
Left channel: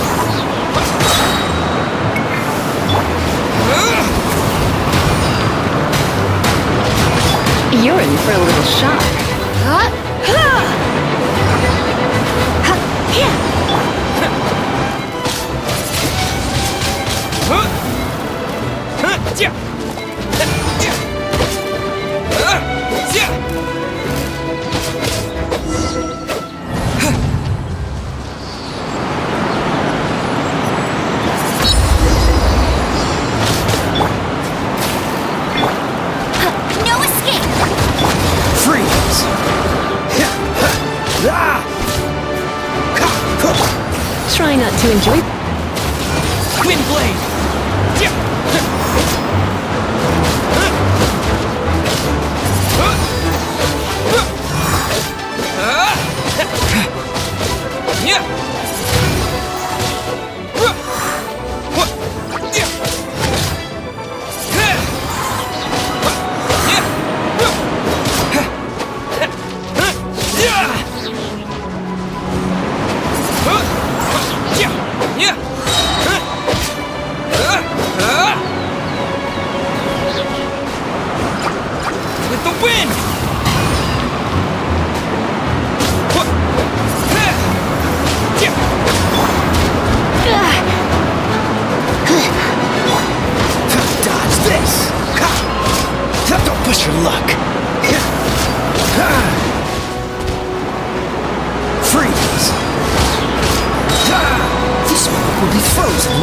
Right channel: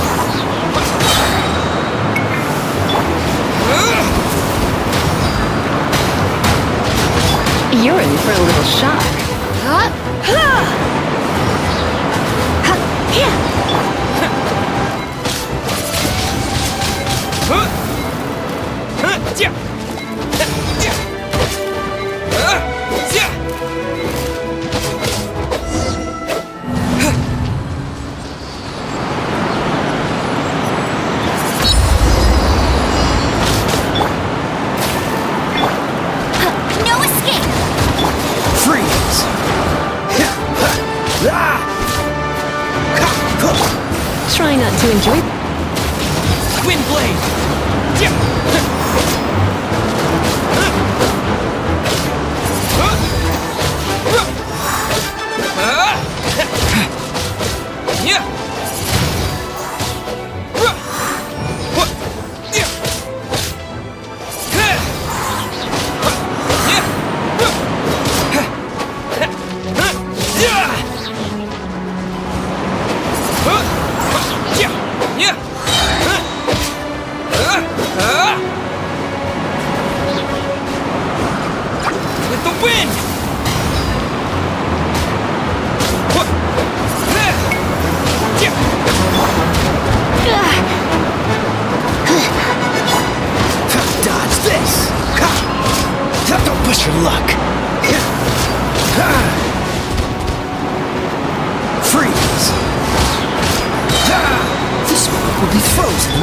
You're in for a little shock. No escape! Freeze! Try not to enjoy. Wind blade! With the wind! Dodge this! Don't push your luck! Freeze! This one will be frozen!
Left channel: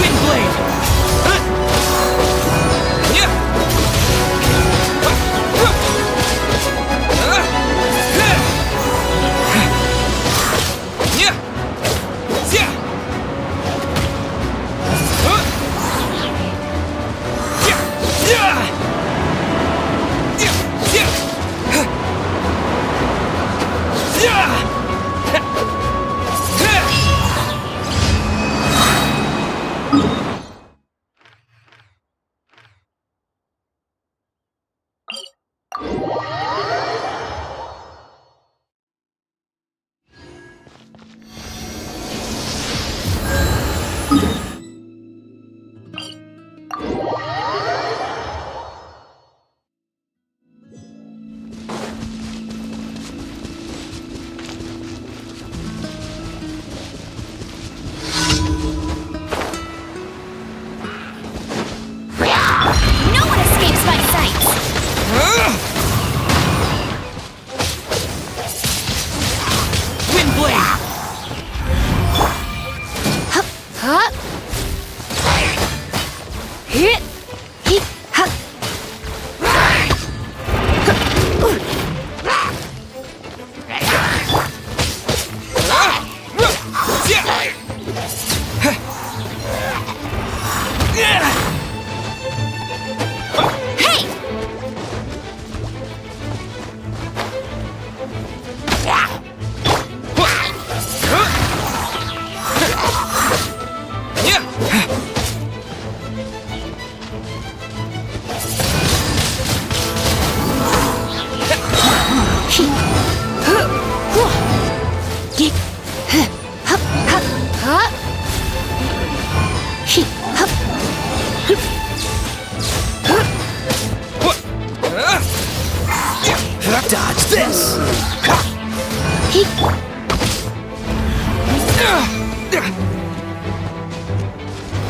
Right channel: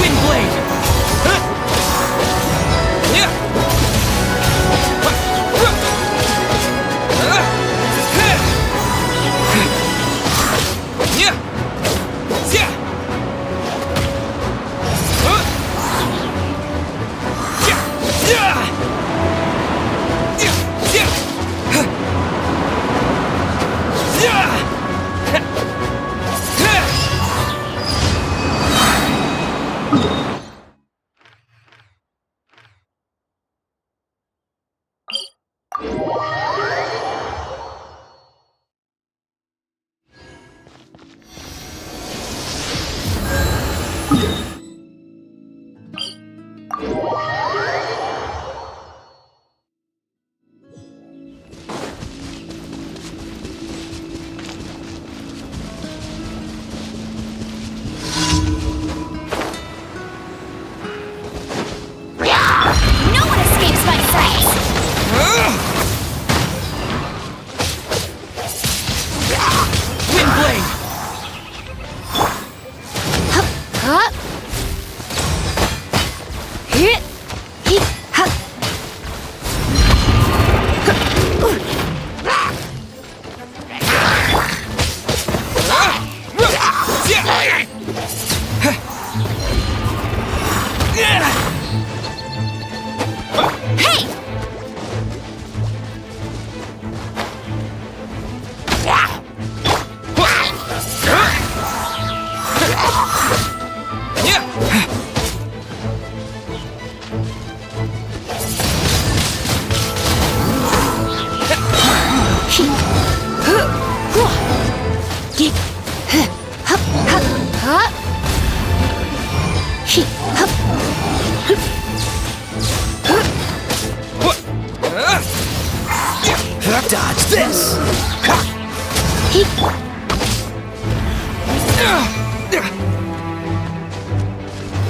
Wind blade!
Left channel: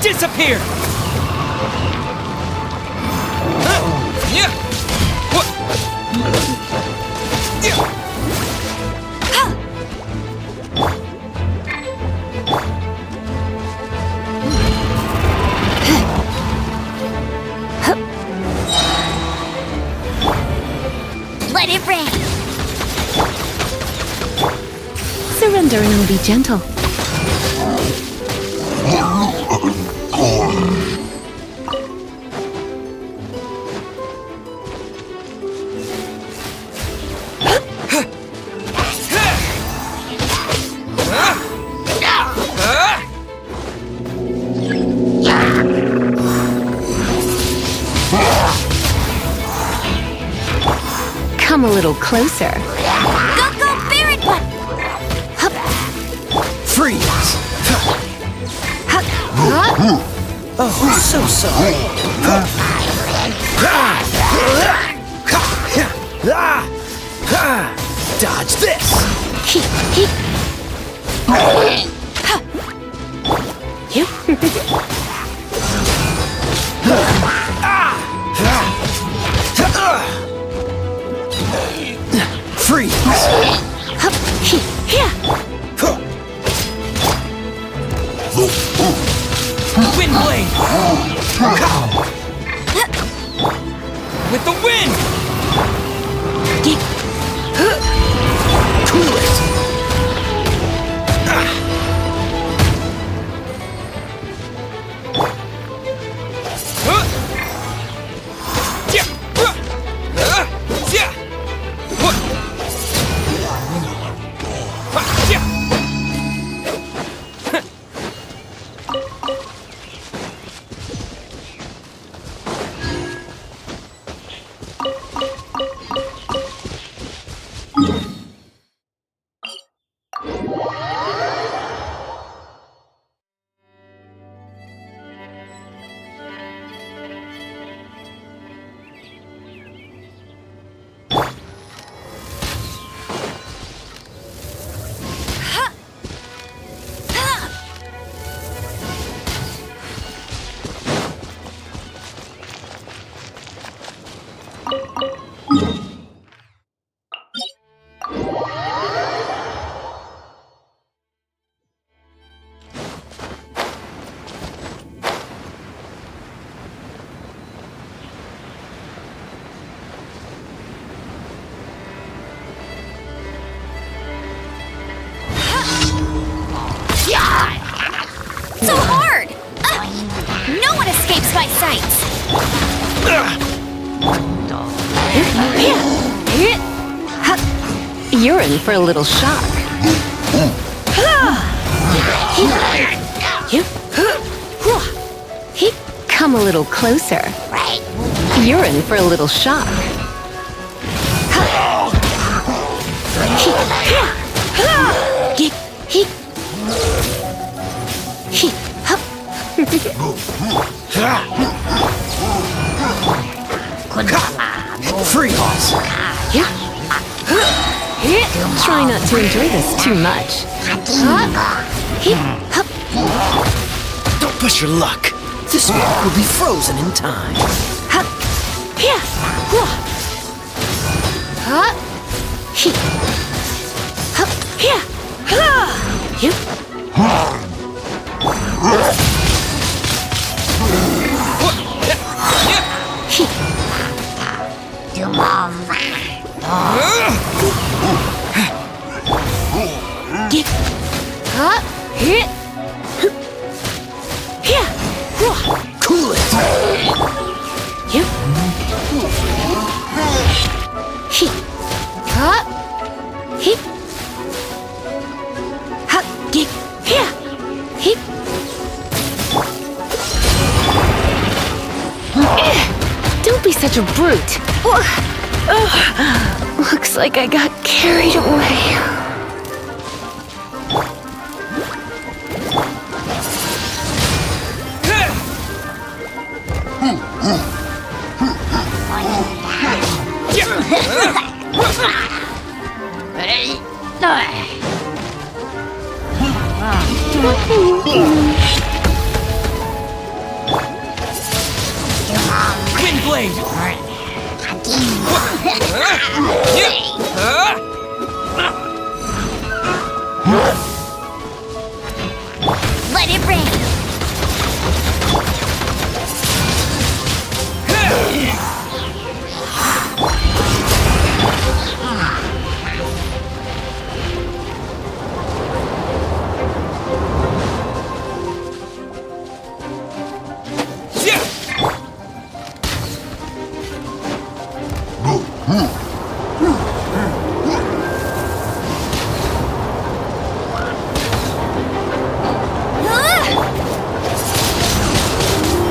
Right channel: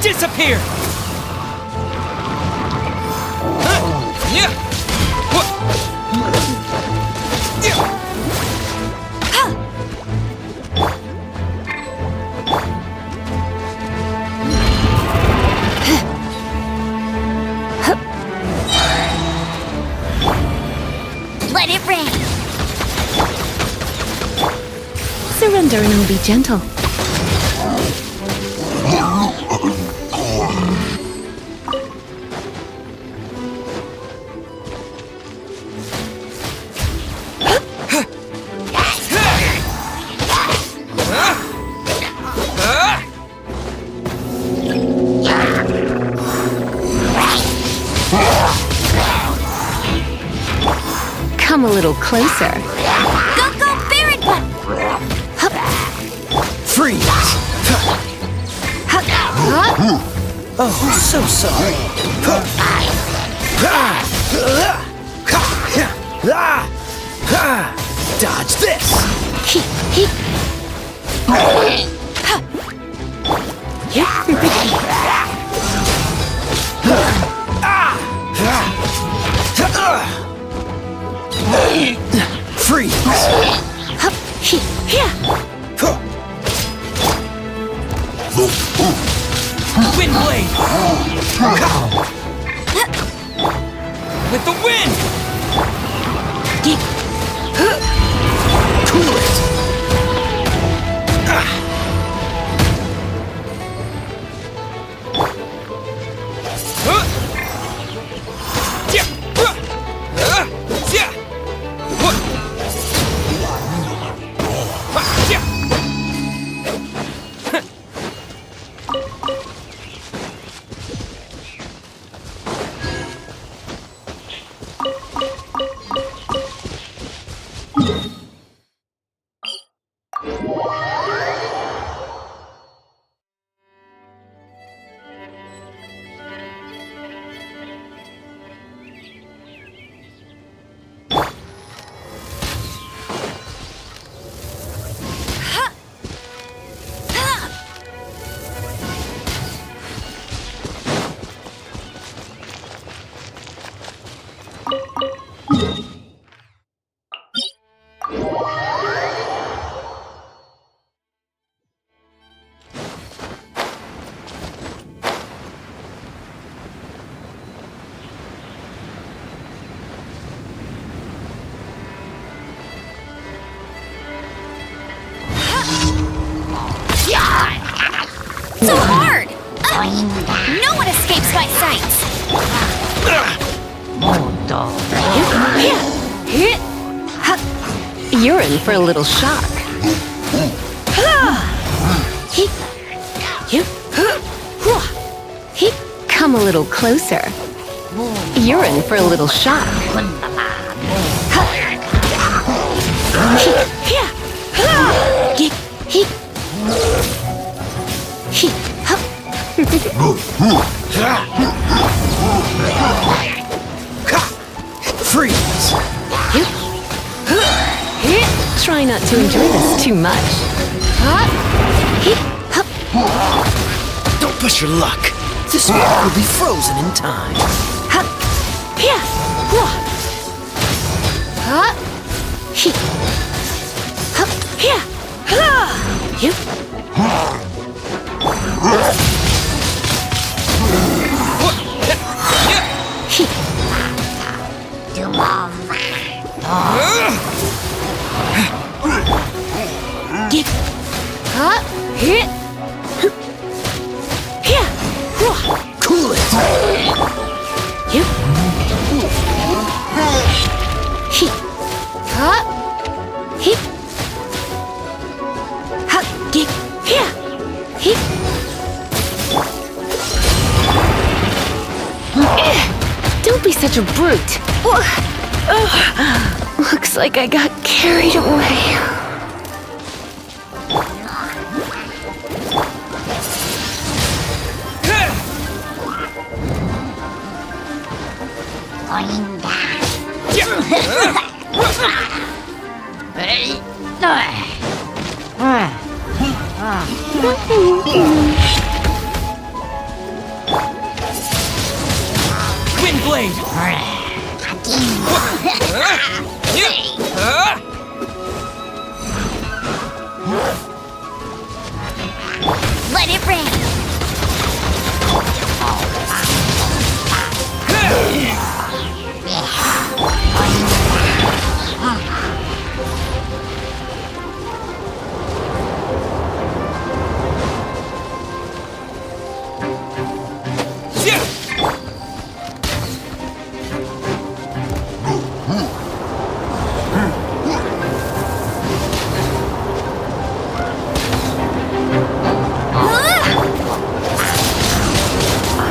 Disappear! Let it rain. Surrender and I'll be gentle. Come a little closer. Go, Baron One! Freeze! Oh, so sorry. Dodge this! Freeze! Wind blade! With the wind! Cool it! So hard! No one escapes my sights! You're in for a little shock. Come a little closer. You're in for a little shock. Freeze! Try not to enjoy this too much. Don't push your luck. This one will be frozen in time. Cool it! Don't be such a brute. Looks like I got carried away. Wind blade. Let it rain.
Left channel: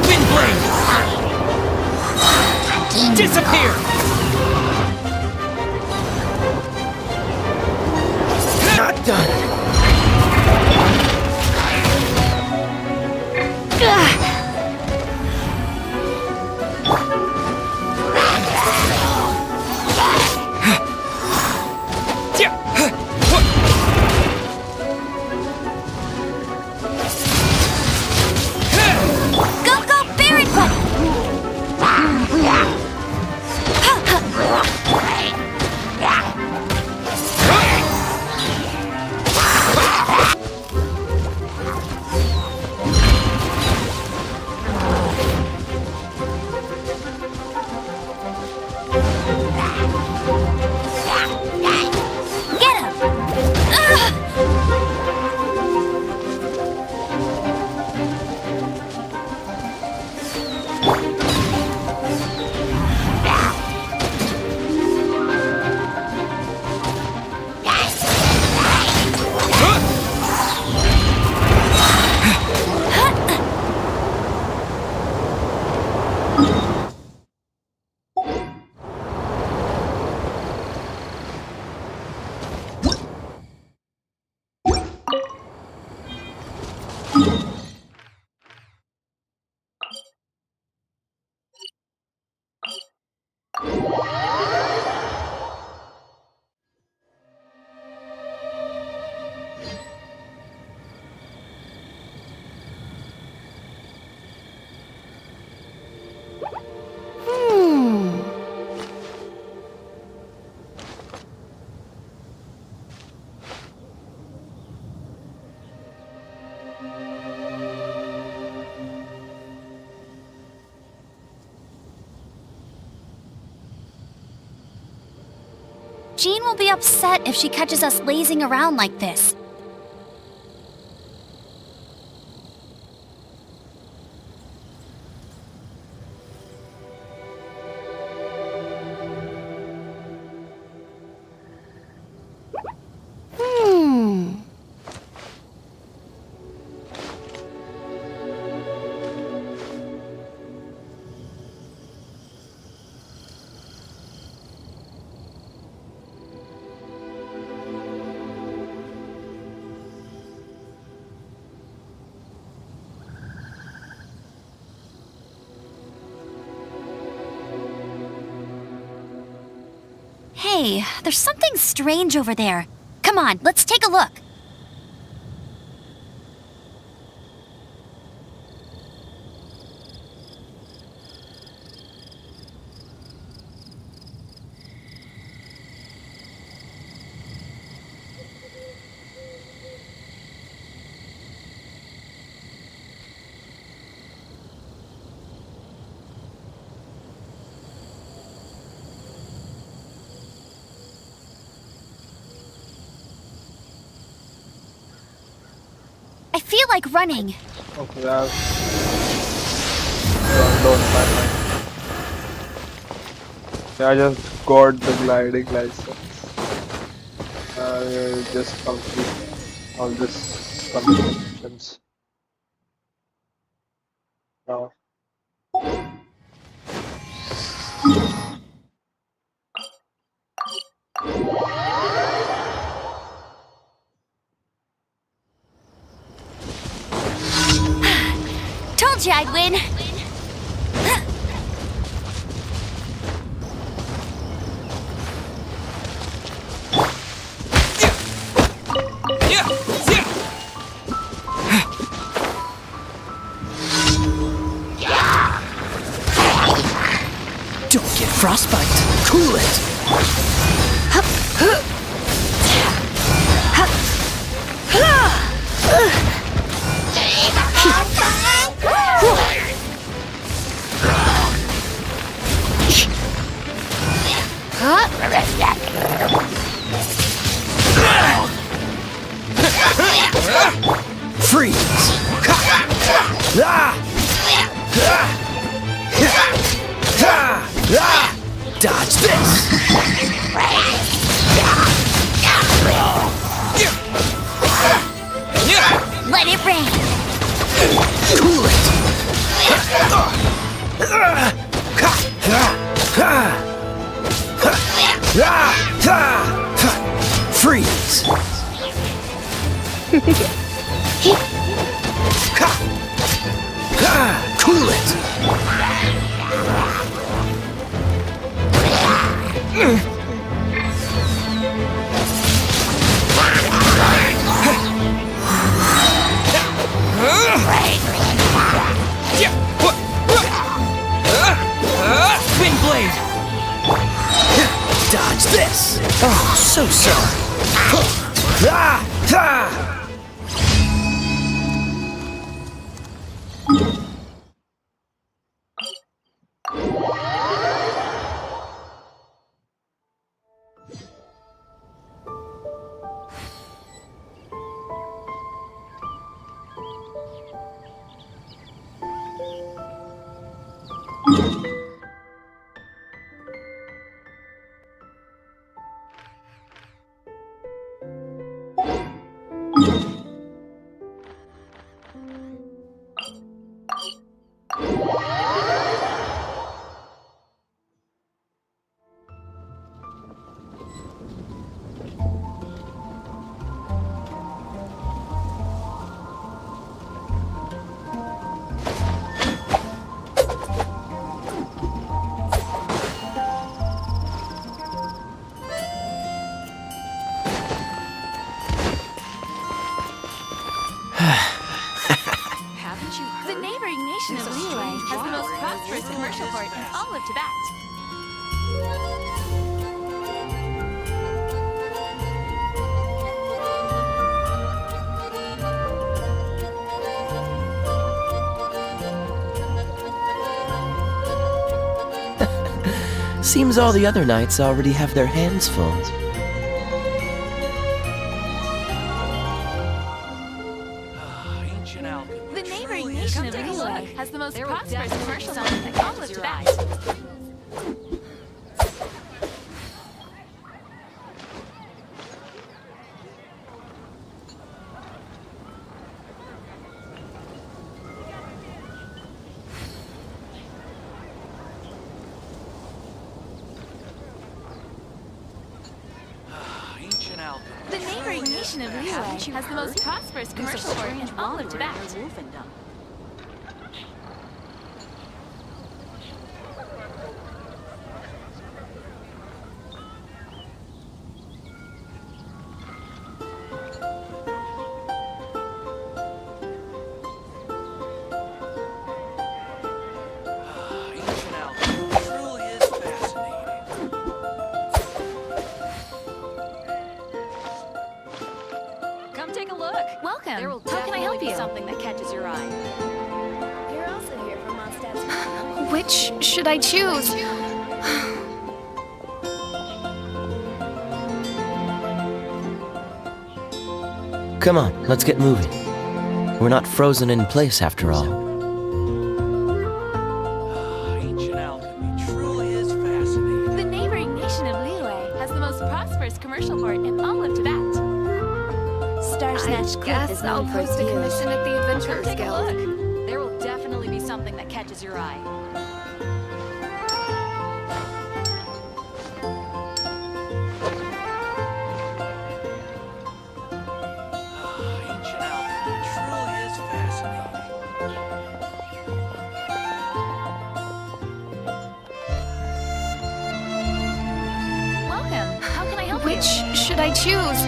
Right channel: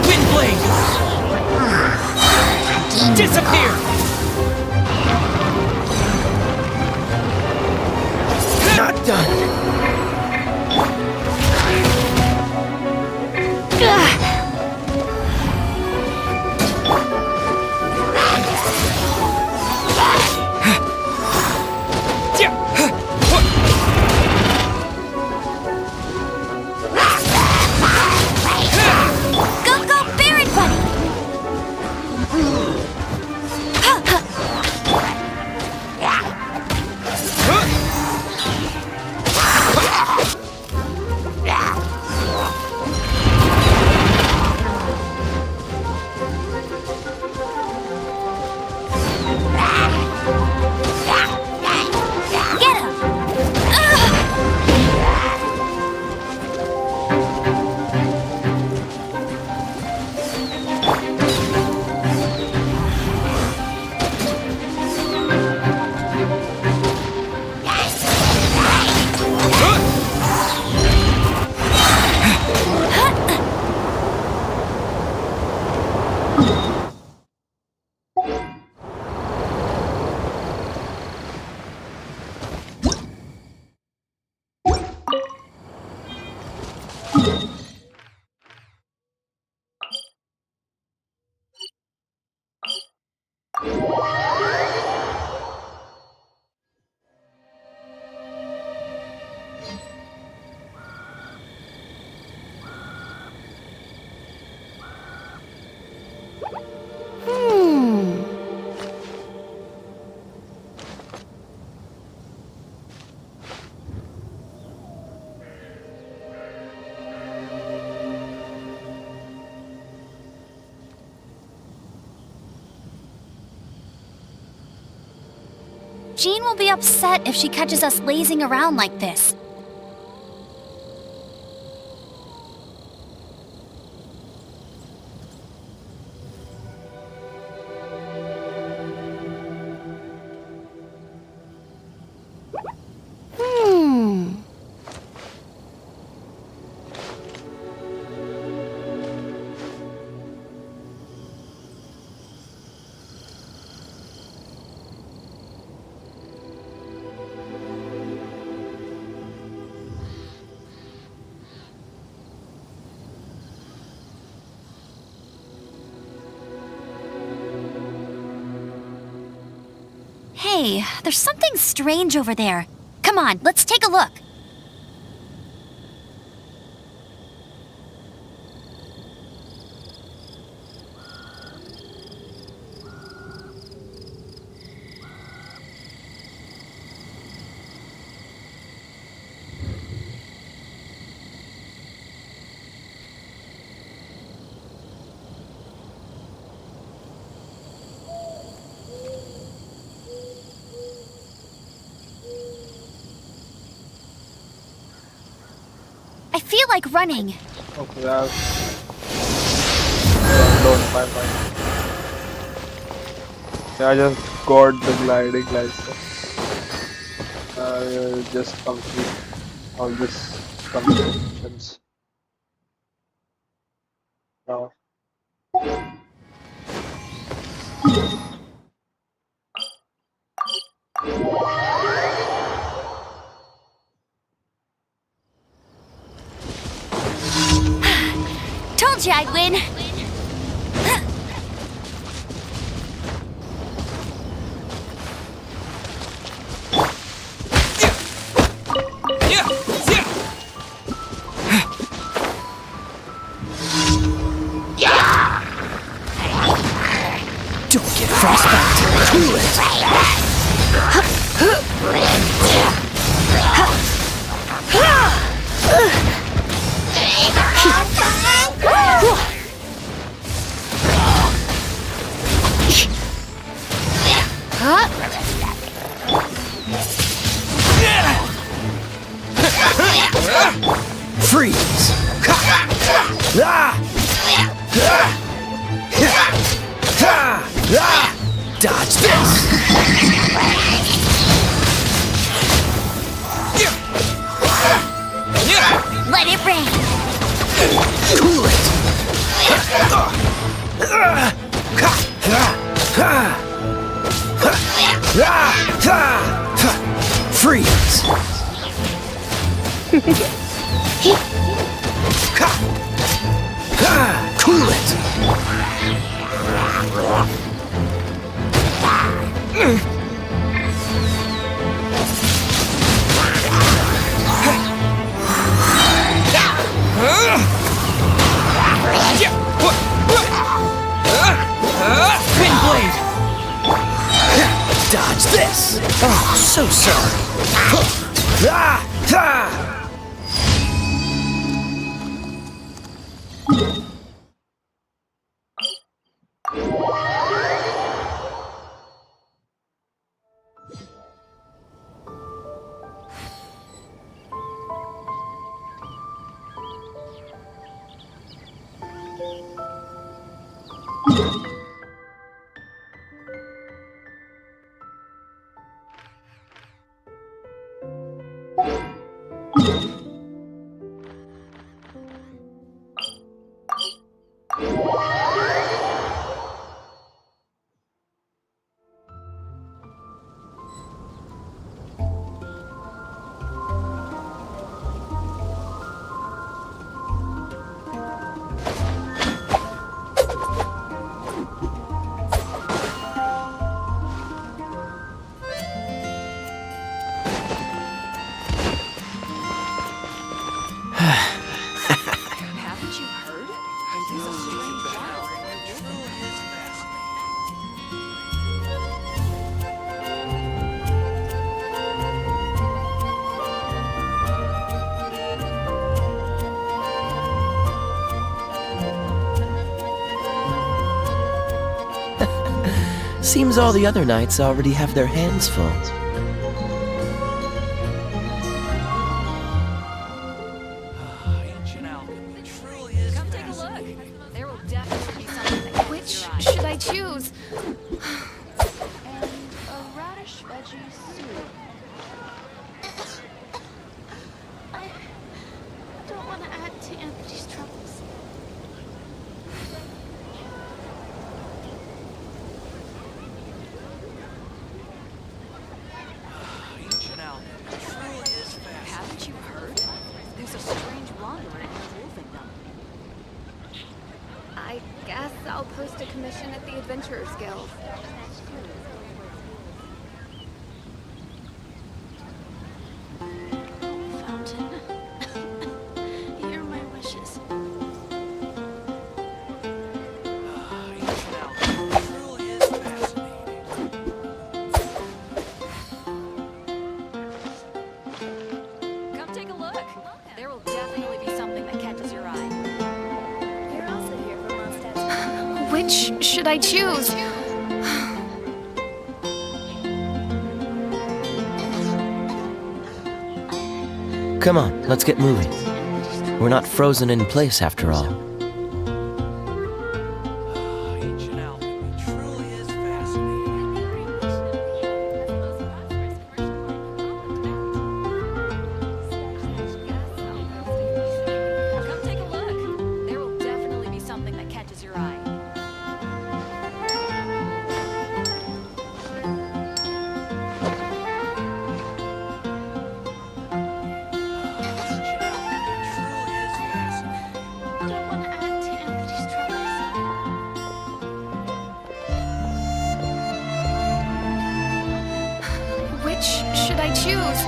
Wind blade. Disappear. Not done. Go, go, Baron Buddy! Get him! Jean will be upset if she catches us lazing around like this. Hey, there's something strange over there. Come on, let's take a look. I feel like running. Okay, I've down my mind. Yeah, I just got the gliding license. I'll just complete all this conversations now. Told you I'd win. Frostbite. Cool it. Freeze. Dodge this. Let it rain. Cool it. Freeze. Cool it. Wind blade. Dodge this. Oh, so sorry. Haven't you heard? The neighboring nation of Liyue has the most prosperous commercial port in all of Tibet. Seems all the other knights already have their hands full. Ancient alchemy. The neighboring Truly nation is of Liyue has the most prosperous commercial port in all of Tibet. Should I choose? Ancient alchemy. The neighboring nation of Liyue has the most prosperous commercial port in all of Tibet. I guess I'll post a commission at the Adventurers Guild. Hear my wishes. Ancient alchemy. Truly is fascinating. Come take a look. Welcome. There will How can I definitely help be you? something that catches your eye. You're also here for Mondstadt's. Which should I choose? Come on, let's get moving. We're not frozen in place after all. Ancient alchemy. Truly is fascinating. The neighboring nation of Liyue has the most prosperous commercial port in all of Tibet. I guess I'll post a commission at the Come Adventurers take a Guild. look. There will definitely be something that catches your eye. Ancient alchemy. Truly is fascinating. Welcome. How can I help you? Which should I choose?